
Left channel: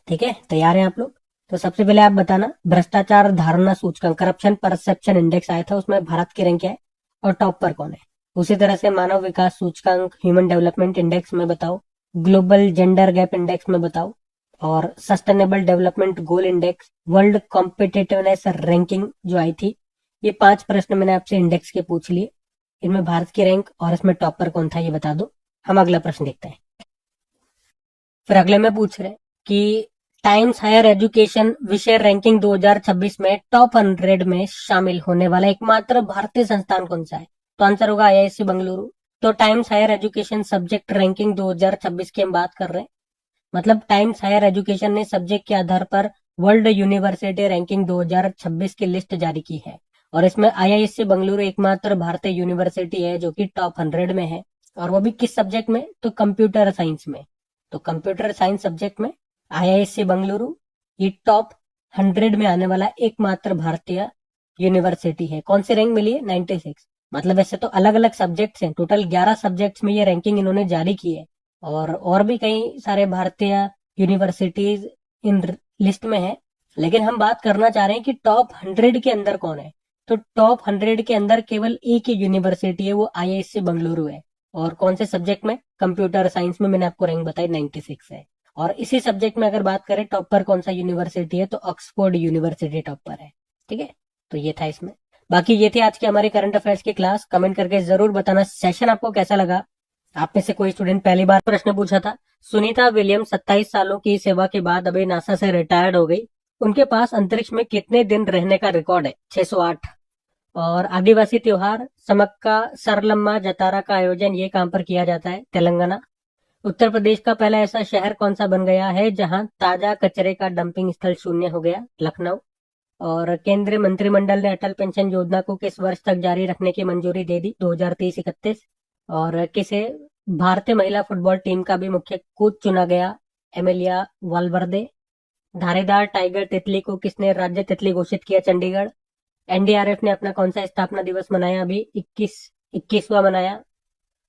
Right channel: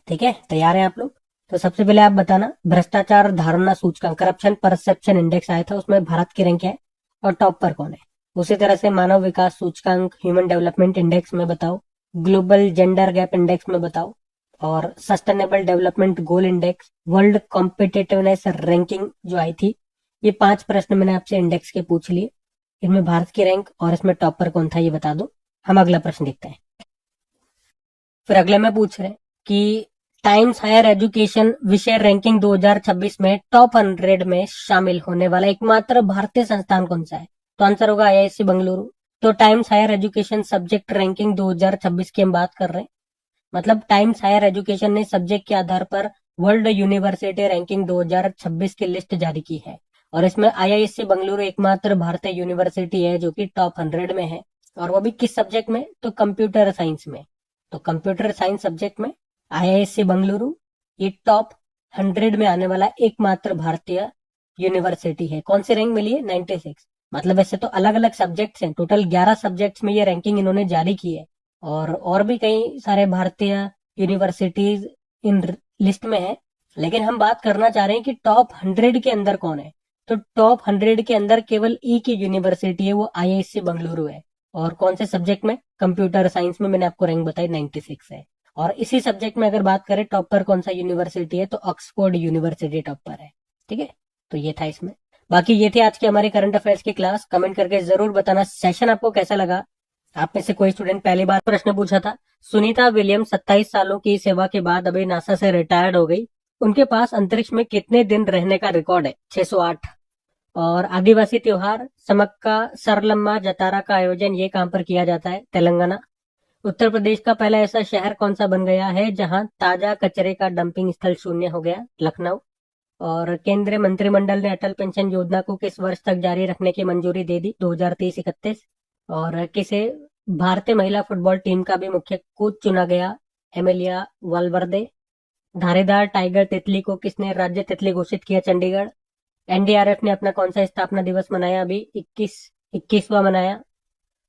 ठीक है, तैयार हैं आप लोग? तो सबसे पहले आप बताना, भ्रष्टाचार धारणा सूचकांक, करप्शन परसेप्शन इंडेक्स आया था, उसमें भारत की रैंक क्या है और टॉप पर कौन है? उसी तरह से मानव विकास सूचकांक, ह्यूमन डेवलपमेंट इंडेक्स में बताओ, ग्लोबल जेंडर गैप इंडेक्स में बताओ, और sustainable development goal index, world competitiveness ranking जो आई थी। ये 5 प्रश्न मैंने आपसे इंडेक्स के पूछ लिए। इनमें भारत की रैंक और इसमें टॉपर कौन था ये बता दो। हम अगला प्रश्न देखते हैं। फिर अगले में पूछ रहे हैं कि टाइम्स हायर एजुकेशन विषय रैंकिंग 2026 में टॉप 100 में शामिल होने वाला एकमात्र भारतीय संस्थान कौन सा है? तो आंसर होगा आईआईएससी बेंगलुरु। तो Times Higher Education subject ranking 2026 की हम बात कर रहे हैं। मतलब टाइम्स हायर एजुकेशन ने सब्जेक्ट के आधार पर वर्ल्ड यूनिवर्सिटी रैंकिंग 2026 की लिस्ट जारी की है और इसमें आईआईएससी बेंगलुरु एकमात्र भारतीय यूनिवर्सिटी है जो कि टॉप 100 में है। और वो भी किस सब्जेक्ट में? तो कंप्यूटर साइंस में। तो कंप्यूटर साइंस सब्जेक्ट में आईआईएससी बेंगलुरु ये टॉप 100 में आने वाला एकमात्र भारतीय यूनिवर्सिटी है। कौन सी रैंक मिली है? 96। मतलब ऐसे तो अलग अलग सब्जेक्ट्स हैं, टोटल 11 सब्जेक्ट्स में ये रैंकिंग इन्होंने जारी की है और भी कई सारे भारतीय यूनिवर्सिटीज इन लिस्ट में है। लेकिन हम बात करना चाह रहे हैं कि टॉप 100 के अंदर कौन है। तो टॉप 100 के अंदर केवल एक ही यूनिवर्सिटी है, वो आईआईएससी बेंगलुरु है। और कौन से सब्जेक्ट में? कंप्यूटर साइंस में मैंने आपको रैंक बताई 96 है। और इसी सब्जेक्ट में अगर बात करें टॉपर कौन सा यूनिवर्सिटी है, तो ऑक्सफोर्ड यूनिवर्सिटी टॉपर है। ठीक है, तो ये था इसमें। बाकी ये थे आज के हमारे करंट अफेयर्स की क्लास। कमेंट करके जरूर बताना सेशन आपको कैसा लगा। आप में से कोई स्टूडेंट पहली बार प्रश्न पूछा था। सुनीता विलियम्स 27 सालों की सेवा के बाद अभी नासा से रिटायर्ड हो गई। उनके पास अंतरिक्ष में कितने दिन रहने का रिकॉर्ड है? 608। और आदिवासी त्योहार समक्का सरलम्मा जतारा का आयोजन ये कहां पर किया जाता है? तेलंगाना। उत्तर प्रदेश का पहला ऐसा शहर कौन सा बन गया है जहां ताजा कचरे का डंपिंग स्थल शून्य हो गया? लखनऊ। और केंद्रीय मंत्रिमंडल ने अटल पेंशन योजना को किस वर्ष तक जारी रखने की मंजूरी दे दी? 2030-31। और किसे भारतीय महिला फुटबॉल टीम का भी मुख्य कोच चुना गया? एमिलिया वालवर्दे। धारीदार टाइगर तितली को किसने राज्य तितली घोषित किया? चंडीगढ़। एनडीआरएफ ने अपना कौन सा स्थापना दिवस मनाया? अभी 21वां मनाया।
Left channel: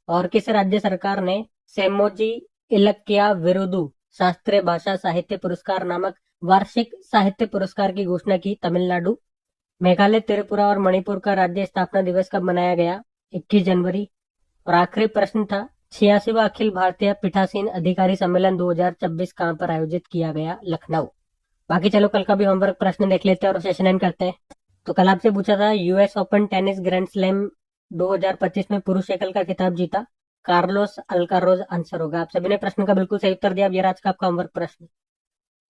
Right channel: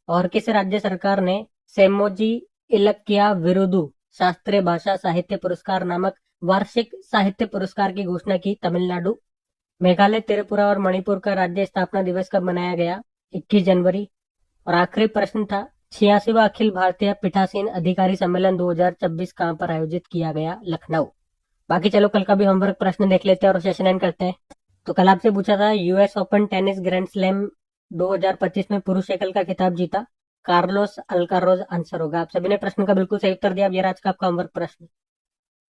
और किस राज्य सरकार ने सेमोजी इलक्किया विरुदु शास्त्रीय भाषा साहित्य पुरस्कार नामक वार्षिक साहित्य पुरस्कार की घोषणा की? तमिलनाडु। मेघालय, त्रिपुरा और मणिपुर का राज्य स्थापना दिवस कब मनाया गया? 21 जनवरी। और आखिरी प्रश्न था, 86वां अखिल भारतीय पीठासीन अधिकारी सम्मेलन 2026 कहाँ पर आयोजित किया गया? लखनऊ। बाकी चलो कल का भी होमवर्क प्रश्न देख लेते हैं और सेशन एंड करते हैं। तो कल आपसे पूछा था US open tennis grand slam 2025 में पुरुष एकल का खिताब जीता कार्लोस अल्काराज। आंसर होगा। आप सभी ने प्रश्न का बिल्कुल सही उत्तर दिया। अब ये रहा आज का आपका होमवर्क प्रश्न।